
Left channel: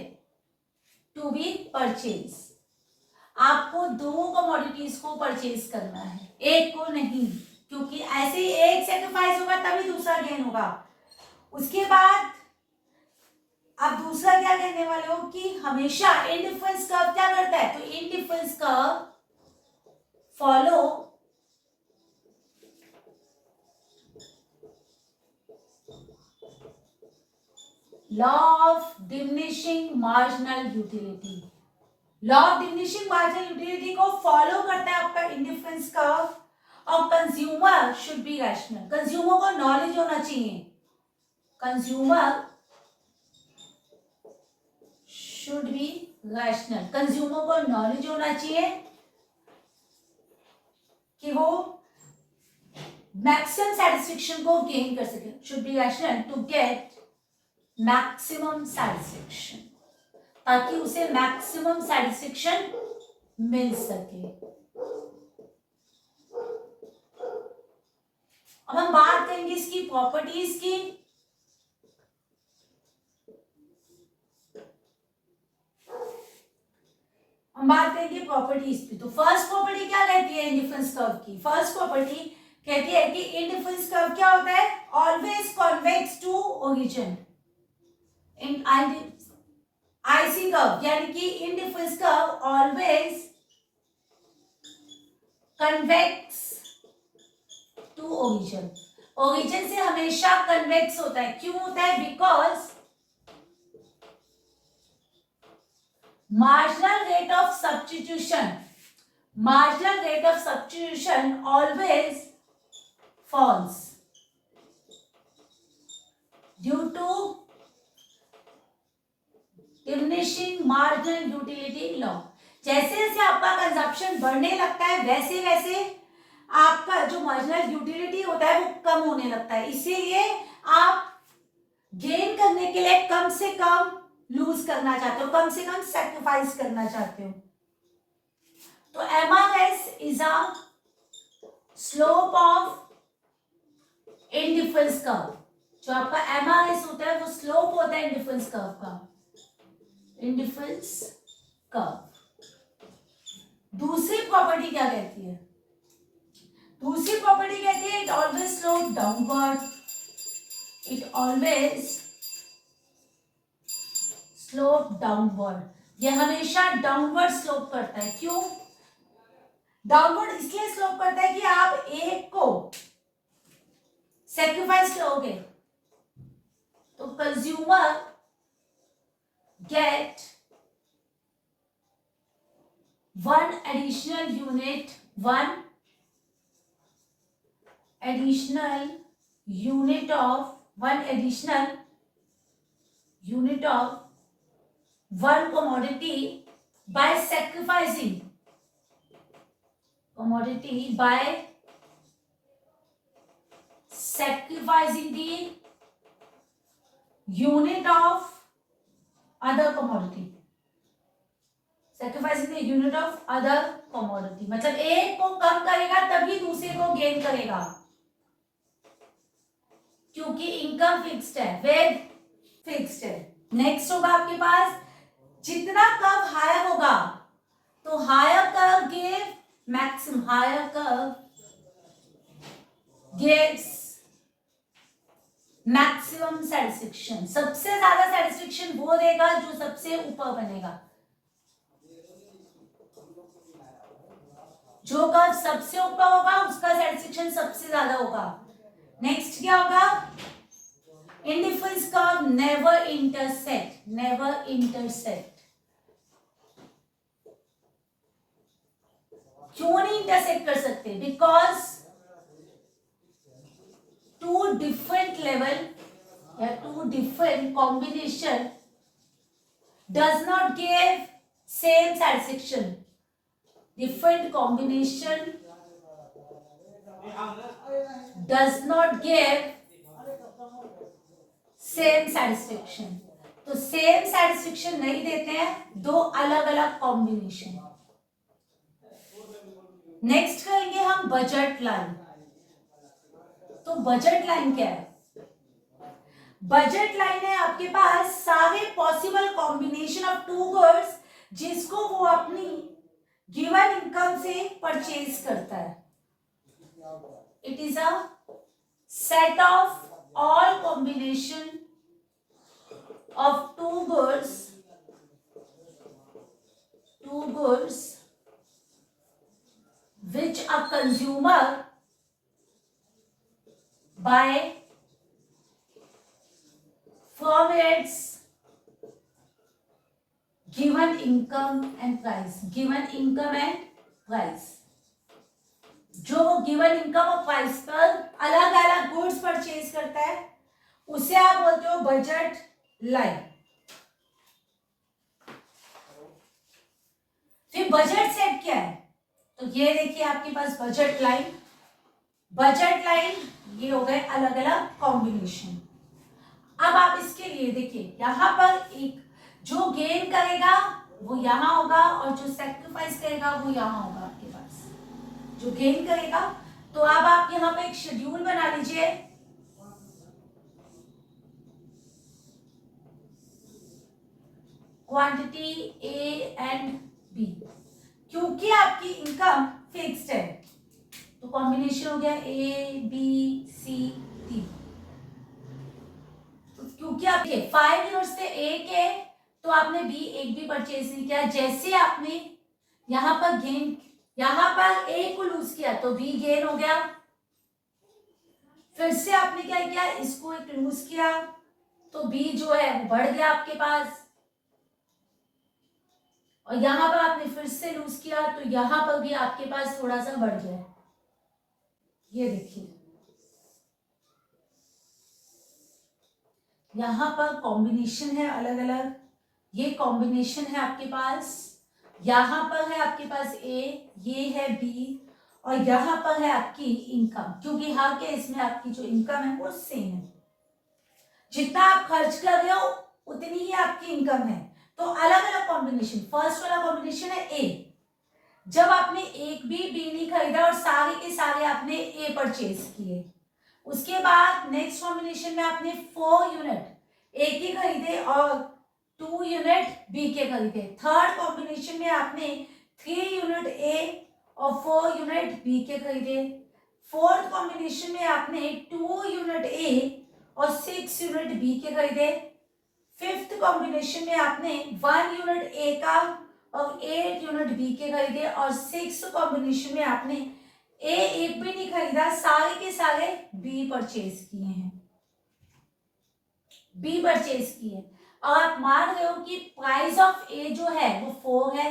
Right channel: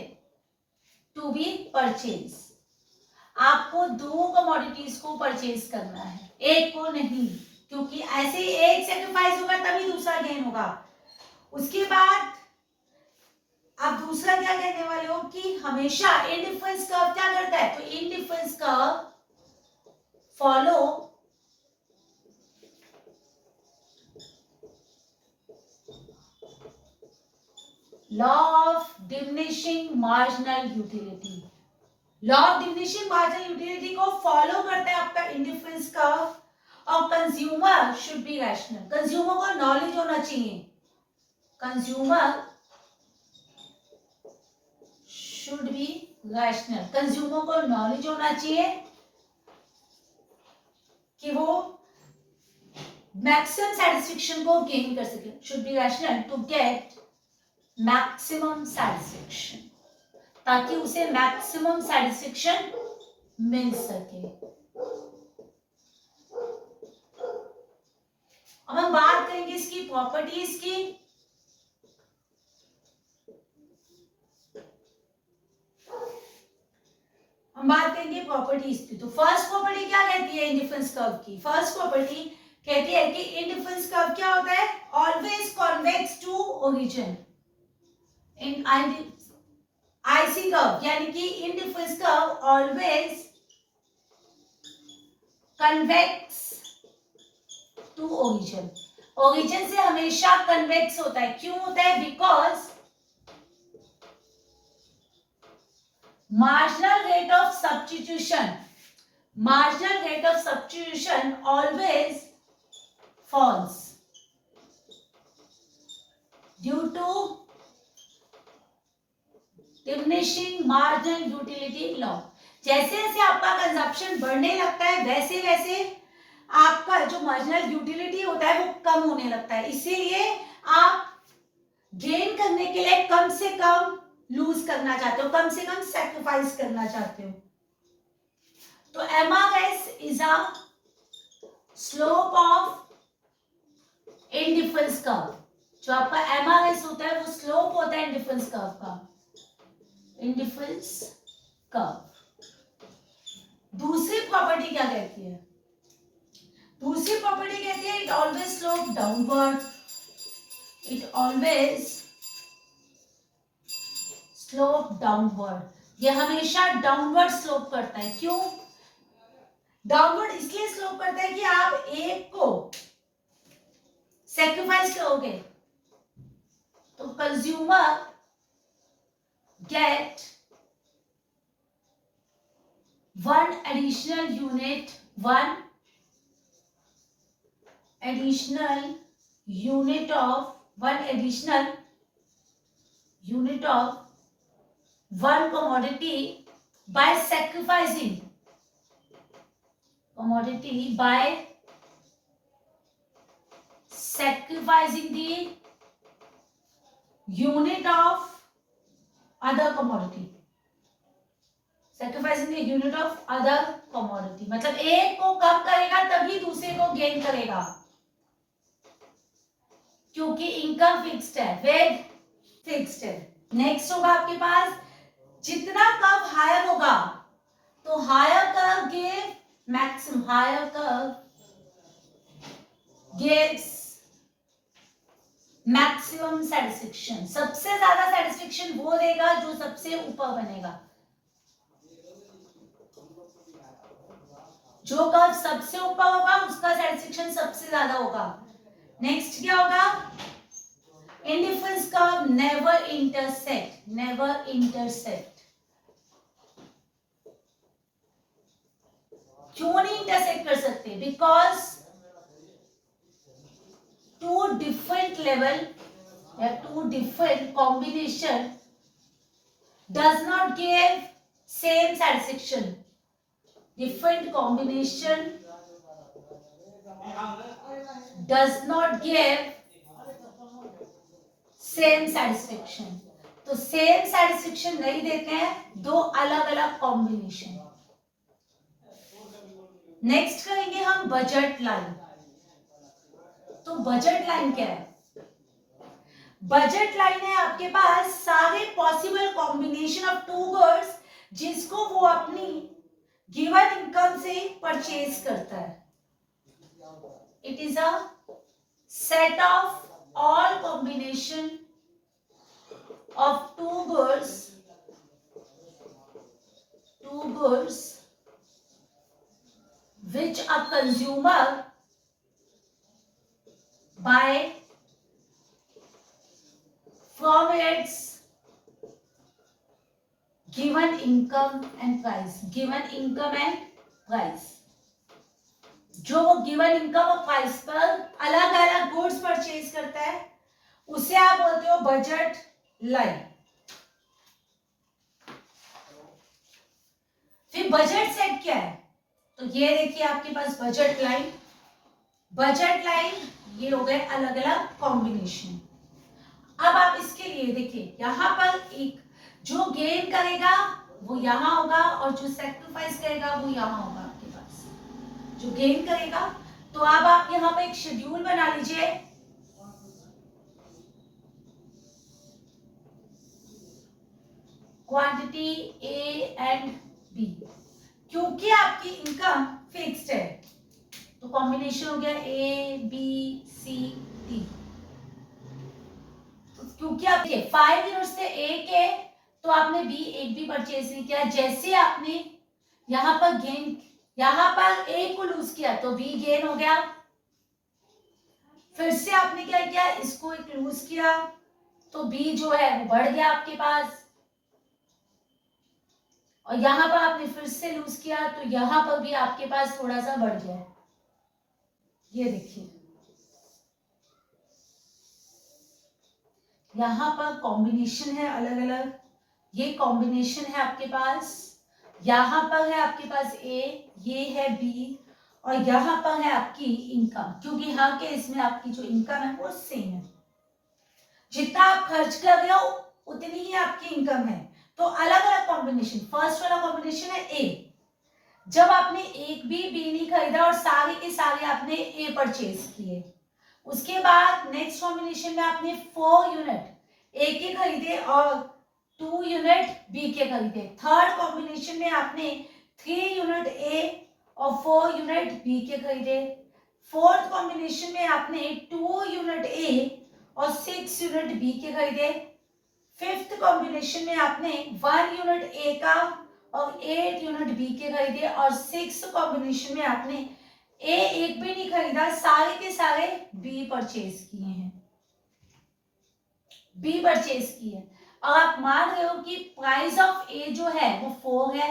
टू बी परचेज। आपको दो कमोडिटीज को परचेज करना है, एक को नहीं, क्योंकि ऐसे ही एक सेक्रीफाइस होगा तभी दूसरा गेन होगा। उसके बाद आप दूसरा क्या कहने वाले हो कि हमेशा इंडिफरेंस कर्व क्या करता है? तो indifference curve follow law of diminishing marginal utility. Law of diminishing marginal utility को फॉलो करता है आपका इंडिफरेंस कर्व। और consumer should be rational. Consumer को नॉलेज होना चाहिए, consumer should be rational. Consumer को नॉलेज होना चाहिए कि वो मैक्सिमम सेटिस्फेक्शन को गेन कर सके। Should be rational to get maximum satisfaction, ताकि उसे मैक्सिमम सेटिस्फेक्शन मिल सके। अब हम बात करेंगे इसकी प्रॉपर्टीज की। हम बात करेंगे प्रॉपर्टीज की। तो फर्स्ट प्रॉपर्टी क्या कहती है इंडिफरेंस कर्व की? फर्स्ट प्रॉपर्टी कहती है कि इंडिफरेंस कर्व क्या होता है? Always convex to origin. In IC curve यानी कि indifference curve always convex to origin. Origin से हमेशा कन्वेक्स होता है। क्यों होता है? Because marginal rate of substitution always falls due to diminishing marginal utility law। जैसे जैसे आपका कंजप्शन बढ़ने लगता है वैसे वैसे आपका जो मार्जिनल यूटिलिटी होता है वो कम होने लगता है। इसीलिए आप गेन करने के लिए कम से कम लूज करना चाहते हो, कम से कम सैक्रिफाइस करना चाहते हो। तो MRS is a slope of indifference curve. जो आपका MRS होता है वो स्लोप होता है इंडिफरेंस कर्व का, इंडिफरेंस कर्व। दूसरी प्रॉपर्टी क्या कहती है? दूसरी प्रॉपर्टी कहती है it always slope downward. It always slope downward. ये हमेशा डाउनवर्ड स्लोप करता है। क्यों डाउनवर्ड? इसलिए स्लोप करता है कि आप एक को सेक्रीफाइस करोगे तो consumer get one additional unit of one commodity by sacrificing the unit of other commodity। sacrificing the unit of other commodity मतलब एक को कम करेगा तभी दूसरे को गेन करेगा, क्योंकि इनकम फिक्स्ड है, वेग फिक्स्ड है। नेक्स्ट होगा आपके पास जितना कर्व हायर होगा तो higher curve give maximum, higher curve gives maximum satisfaction. सबसे ज्यादा सेटिस्फेक्शन वो देगा जो सबसे ऊपर बनेगा। जो कर्व सबसे ऊपर होगा उसका सेटिस्फेक्शन सबसे ज्यादा होगा। नेक्स्ट क्या होगा? Indifference curve never intersect. क्यों नहीं इंटरसेक्ट कर सकते? बिकॉज टू डिफरेंट लेवल या two different combination does not give same satisfaction. Different combination does not give same satisfaction. तो सेम सेटिस्फेक्शन नहीं देते हैं, दो अलग अलग कॉम्बिनेशन। नेक्स्ट करेंगे हम बजट लाइन। तो बजट लाइन क्या है? बजट लाइन है आपके पास सारे possible combination of two goods जिसको वो अपनी गिवन इनकम से परचेज करता है। It is a set of all combination of two goods which a consumer buy from its given income and price। given income and price, जो वो given income और price पर अलग अलग गुड्स परचेज करता है उसे आप बोलते हो बजट लाइन। फिर बजट सेट क्या है? तो ये देखिए आपके पास बजट लाइन। बजट लाइन ये हो गए अलग अलग कॉम्बिनेशन। अब आप इसके लिए देखिए यहां पर एक जो गेन करेगा वो यहां होगा और जो सैक्रिफाइस करेगा वो यहां होगा आपके पास। जो गेन करेगा, तो अब आप यहां पे एक शेड्यूल बना लीजिए। क्वांटिटी ए एंड बी, क्योंकि आपकी इनकम फिक्स्ड है तो कॉम्बिनेशन हो गया ए बी सी डी। क्योंकि आप 5 यूनिट्स थे ए के, तो आपने बी एक भी परचेज नहीं किया। जैसे आपने यहां पर गेन, यहां पर ए को लूज किया तो बी गेन हो गया। फिर से आपने क्या किया, इसको एक लूज किया तो बी जो है वो बढ़ गया आपके पास। और यहां पर आपने फिर से लूज किया तो यहां पर भी आपके पास थोड़ा सा बढ़ गया। ये देखिए यहां पर कॉम्बिनेशन है अलग अलग। ये कॉम्बिनेशन है आपके पास, यहां पर है आपके पास ए, ये है बी, और यहां पर है आपकी इनकम। क्योंकि हर केस में आपकी जो इनकम है वो सेम है। जितना आप खर्च कर रहे हो उतनी ही आपकी इनकम है। तो अलग अलग कॉम्बिनेशन। फर्स्ट वाला कॉम्बिनेशन है ए। जब आपने एक भी बी नहीं खरीदा और सारे के सारे आपने ए परचेज किए, उसके बाद नेक्स्ट कॉम्बिनेशन में आपने 4 यूनिट ए के खरीदे और 2 यूनिट बी के खरीदे। थर्ड कॉम्बिनेशन में आपने 3 यूनिट ए और 4 यूनिट बी के खरीदे। फोर्थ कॉम्बिनेशन में आपने 2 यूनिट ए और 6 यूनिट बी के खरीदे। फिफ्थ कॉम्बिनेशन में आपने 1 यूनिट ए का और 8 यूनिट बी के खरीदे। और सिक्स कॉम्बिनेशन में आपने ए एक भी नहीं खरीदा, सारे के सारे बी परचेज किए हैं। बी परचेज किए और आप मान रहे हो कि प्राइस ऑफ ए जो है वो 4 है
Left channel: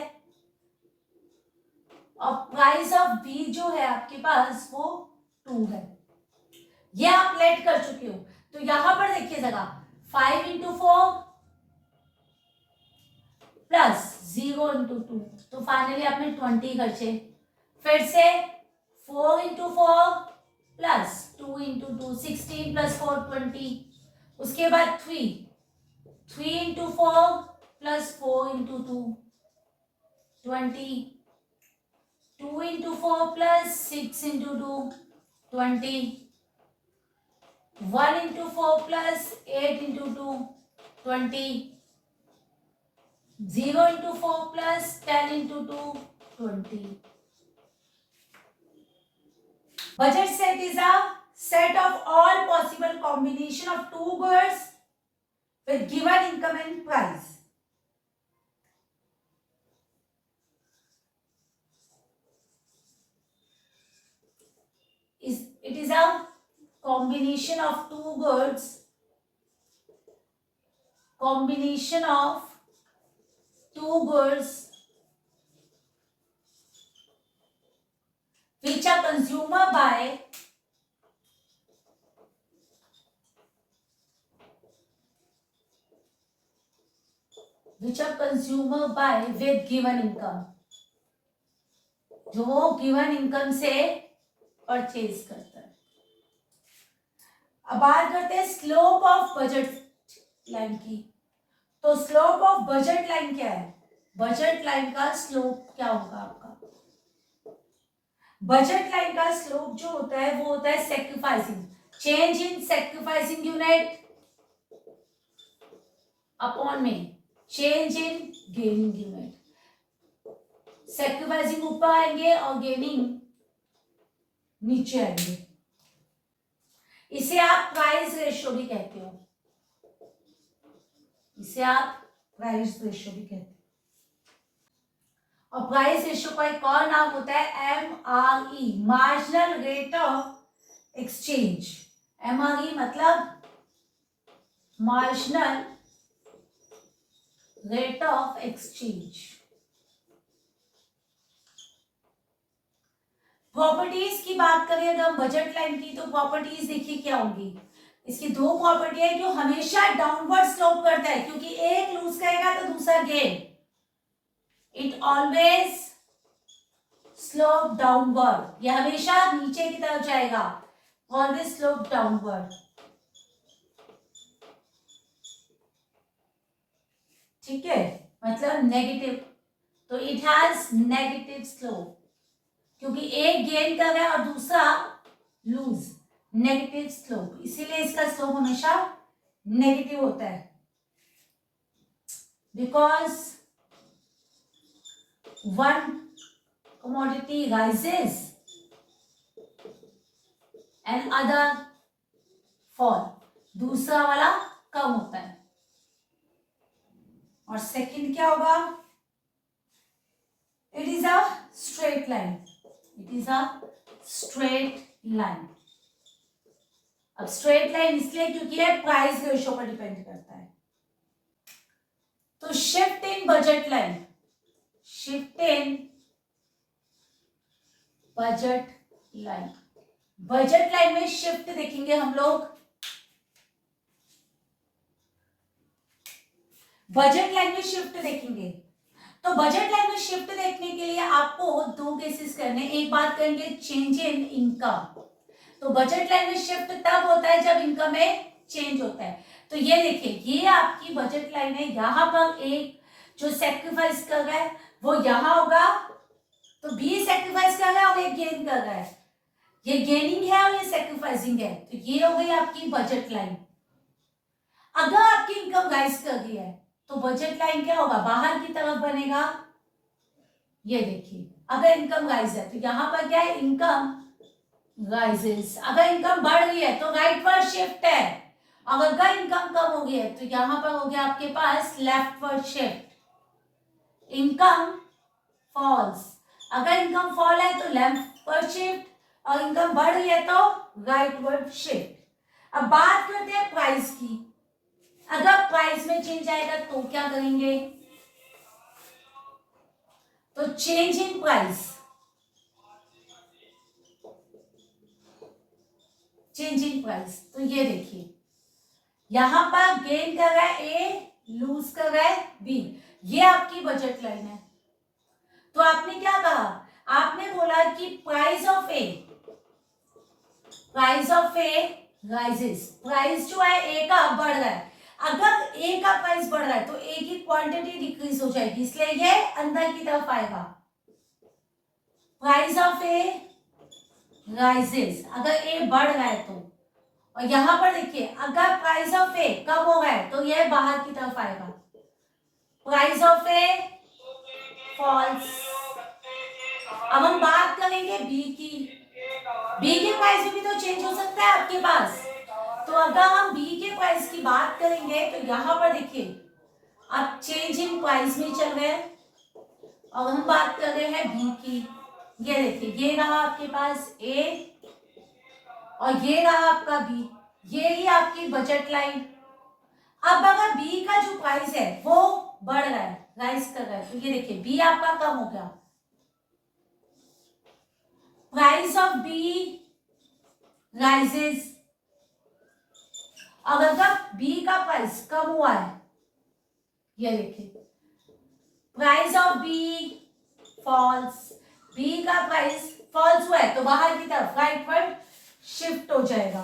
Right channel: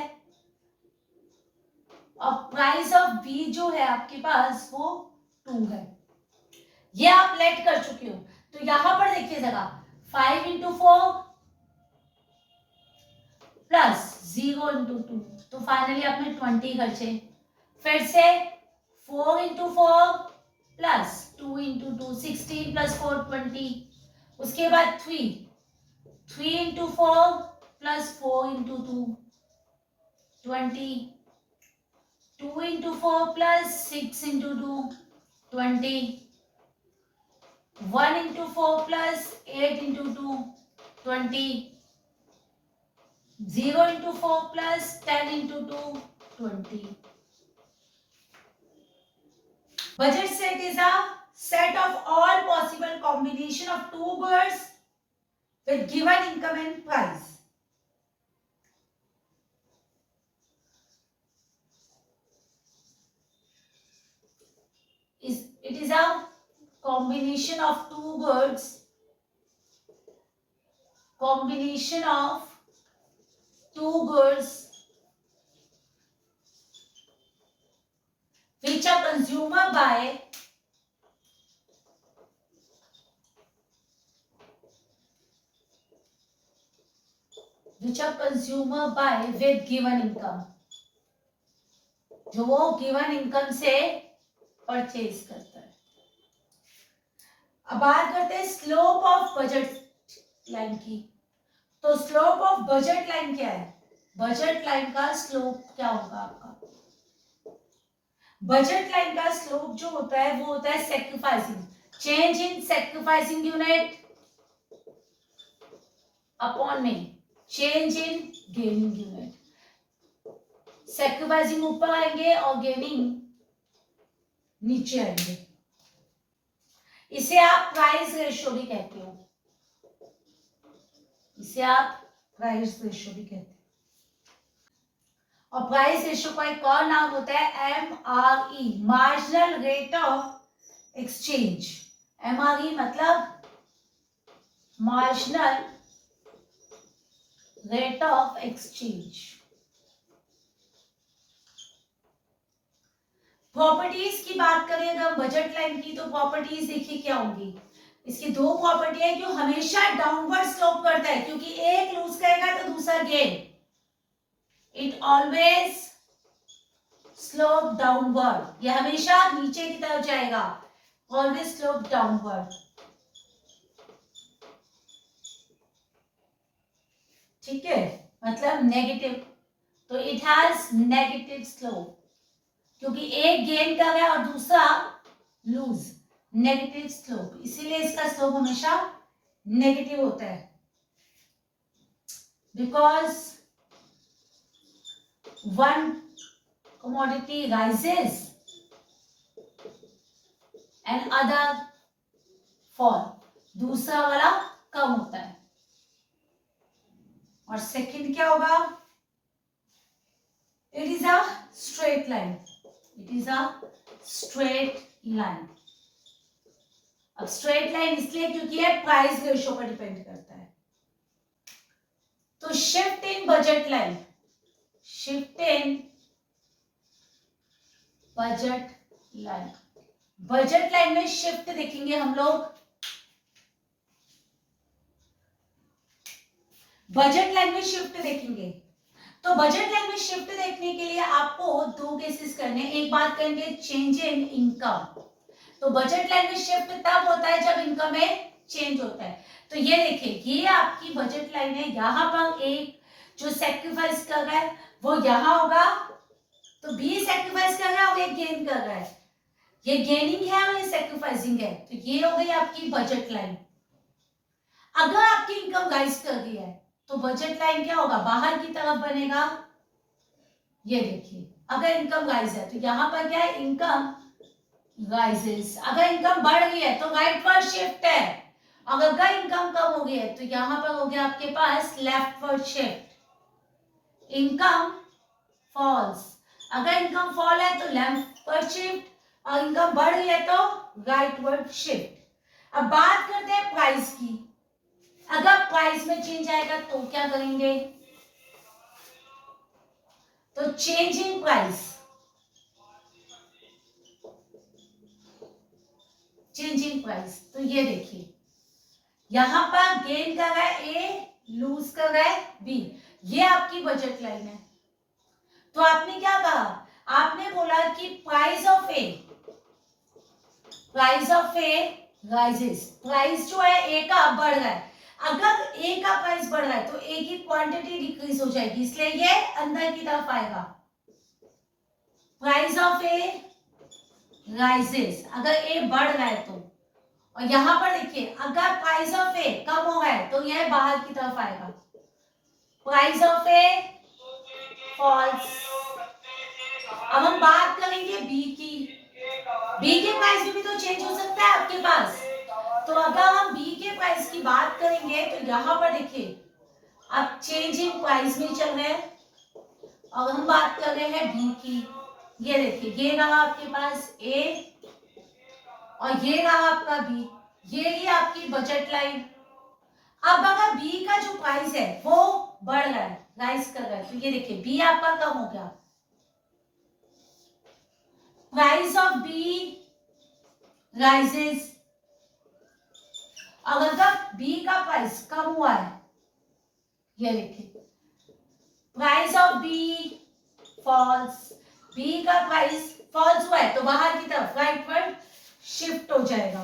और प्राइस ऑफ बी जो है आपके पास वो 2 है। ये आप लेट कर चुके हो। तो यहां पर देखिए जरा 5 इंटू 4 प्लस 0 इंटू 2, तो फाइनली आपने 20 खर्चे। फिर से 4 इंटू 4 प्लस 2 इंटू 2, 16 प्लस 4 20। उसके बाद 3 into 4 plus 4 into 2 20। 2 into 4 plus 6 into 2 20। 1 into 4 plus 8 into 2 20। 0 into 4 plus 10 into 2 20। Budget set is a set of all possible combination of two goods with given income and price. It is a combination of two goods, combination of two goods which a consumer buy with given income, जो वो given income से purchase करता है। अब बात करते हैं slope of budget line की। तो स्लोप ऑफ बजट लाइन क्या है? बजट लाइन का स्लोप क्या होगा आपका? बजट लाइन का स्लोप जो होता है वो होता है sacrificing, change in sacrificing unit upon में change in gaining unit. Sacrificing ऊपर आएंगे और गेनिंग नीचे आएंगे। इसे आप प्राइस रेशियो भी कहते हो, इसे आप प्राइस रेशियो भी कहते हैं। और प्राइस रेशियो का एक और नाम होता है MRE, marginal rate of exchange. MRE मतलब marginal rate of exchange. Properties की बात करें अगर बजट लाइन की, तो प्रॉपर्टीज देखिए क्या होंगी। इसकी दो प्रॉपर्टी है जो हमेशा डाउनवर्ड स्लोप करता है, क्योंकि एक लूज करेगा तो दूसरा gain. It always slope downward, ये हमेशा नीचे की तरफ जाएगा, ऑलवेज स्लोप डाउनवर्ड। ठीक है, मतलब नेगेटिव, तो इट हैज नेगेटिव स्लोप, क्योंकि एक गेन कर रहा है और दूसरा लूज, नेगेटिव स्लोप, इसीलिए इसका स्लोप हमेशा नेगेटिव होता है। Because one commodity rises and other fall, दूसरा वाला कम होता है। और सेकंड क्या होगा? It is a straight line, it is a straight line. अब स्ट्रेट लाइन इसलिए क्योंकि ये प्राइस रेशियो पर डिपेंड करता है। तो shift in budget line, shift in budget line, budget line में शिफ्ट देखेंगे हम लोग। बजट लाइन में शिफ्ट देखेंगे, तो बजट लाइन में शिफ्ट देखने के लिए आपको दो केसेस करने। एक बात करेंगे चेंज इन इनकम। तो बजट लाइन में शिफ्ट तब होता है जब इनकम में चेंज होता है। तो ये देखिए, ये आपकी बजट लाइन है, यहां पर एक जो सेक्रीफाइस कर रहा है वो यहां होगा, तो बी सेक्रीफाइस कर रहा है और एक गेन कर रहा है, ये गेनिंग है और ये सेक्रीफाइसिंग है, तो ये हो गई आपकी बजट लाइन। अगर आपकी इनकम राइज कर गई है तो बजट लाइन क्या होगा? बाहर की तरफ बनेगा। ये देखिए, अगर इनकम राइज है तो यहां पर क्या है? Income rises. अगर इनकम बढ़ गई है तो राइटवर्ड शिफ्ट है, और अगर इनकम कम हो गई है तो यहां पर हो गया आपके पास लेफ्टवर्ड शिफ्ट। इनकम फॉल्स, अगर इनकम फॉल है तो लेफ्टवर्ड शिफ्ट, और इनकम बढ़ गई है तो राइटवर्ड शिफ्ट। अब बात करते हैं प्राइस की। अगर प्राइस में चेंज आएगा तो क्या करेंगे? तो change in price, change in price, तो ये देखिए यहां पर गेन कर रहा है ए, लूज कर रहा है बी, ये आपकी बजट लाइन है। तो आपने क्या कहा? आपने बोला कि price of A, price of A rises, price जो है ए का बढ़ रहा है। अगर ए का प्राइस बढ़ रहा है तो ए की क्वांटिटी डिक्रीज हो जाएगी, इसलिए ये अंदर की तरफ आएगा। प्राइस ऑफ ए राइजेस, अगर ए बढ़ रहा है तो, और यहां पर देखिए अगर प्राइस ऑफ ए कम हो रहा है तो यह बाहर की तरफ आएगा। Price of A falls. अब हम बात करेंगे बी की। बी के प्राइस में भी तो चेंज हो सकता है आपके पास। तो अगर हम बी के प्राइस की बात करेंगे तो यहां पर देखिए आप चेंज इन प्राइस में चल गए, और हम बात कर रहे हैं बी की। ये देखिए, ये रहा आपके पास ए और ये रहा आपका बी, ये ही आपकी बजट लाइन। अब अगर बी का जो प्राइस है वो बढ़ रहा है, राइज कर रहा है, तो ये देखिए बी आपका कम हो गया। प्राइस ऑफ बी राइजेस, अगर बी का प्राइस कम हुआ है, ये देखिए price of B falls, B का प्राइस फॉल्स हुआ है तो बाहर की तरफ राइटवर्ड शिफ्ट हो जाएगा।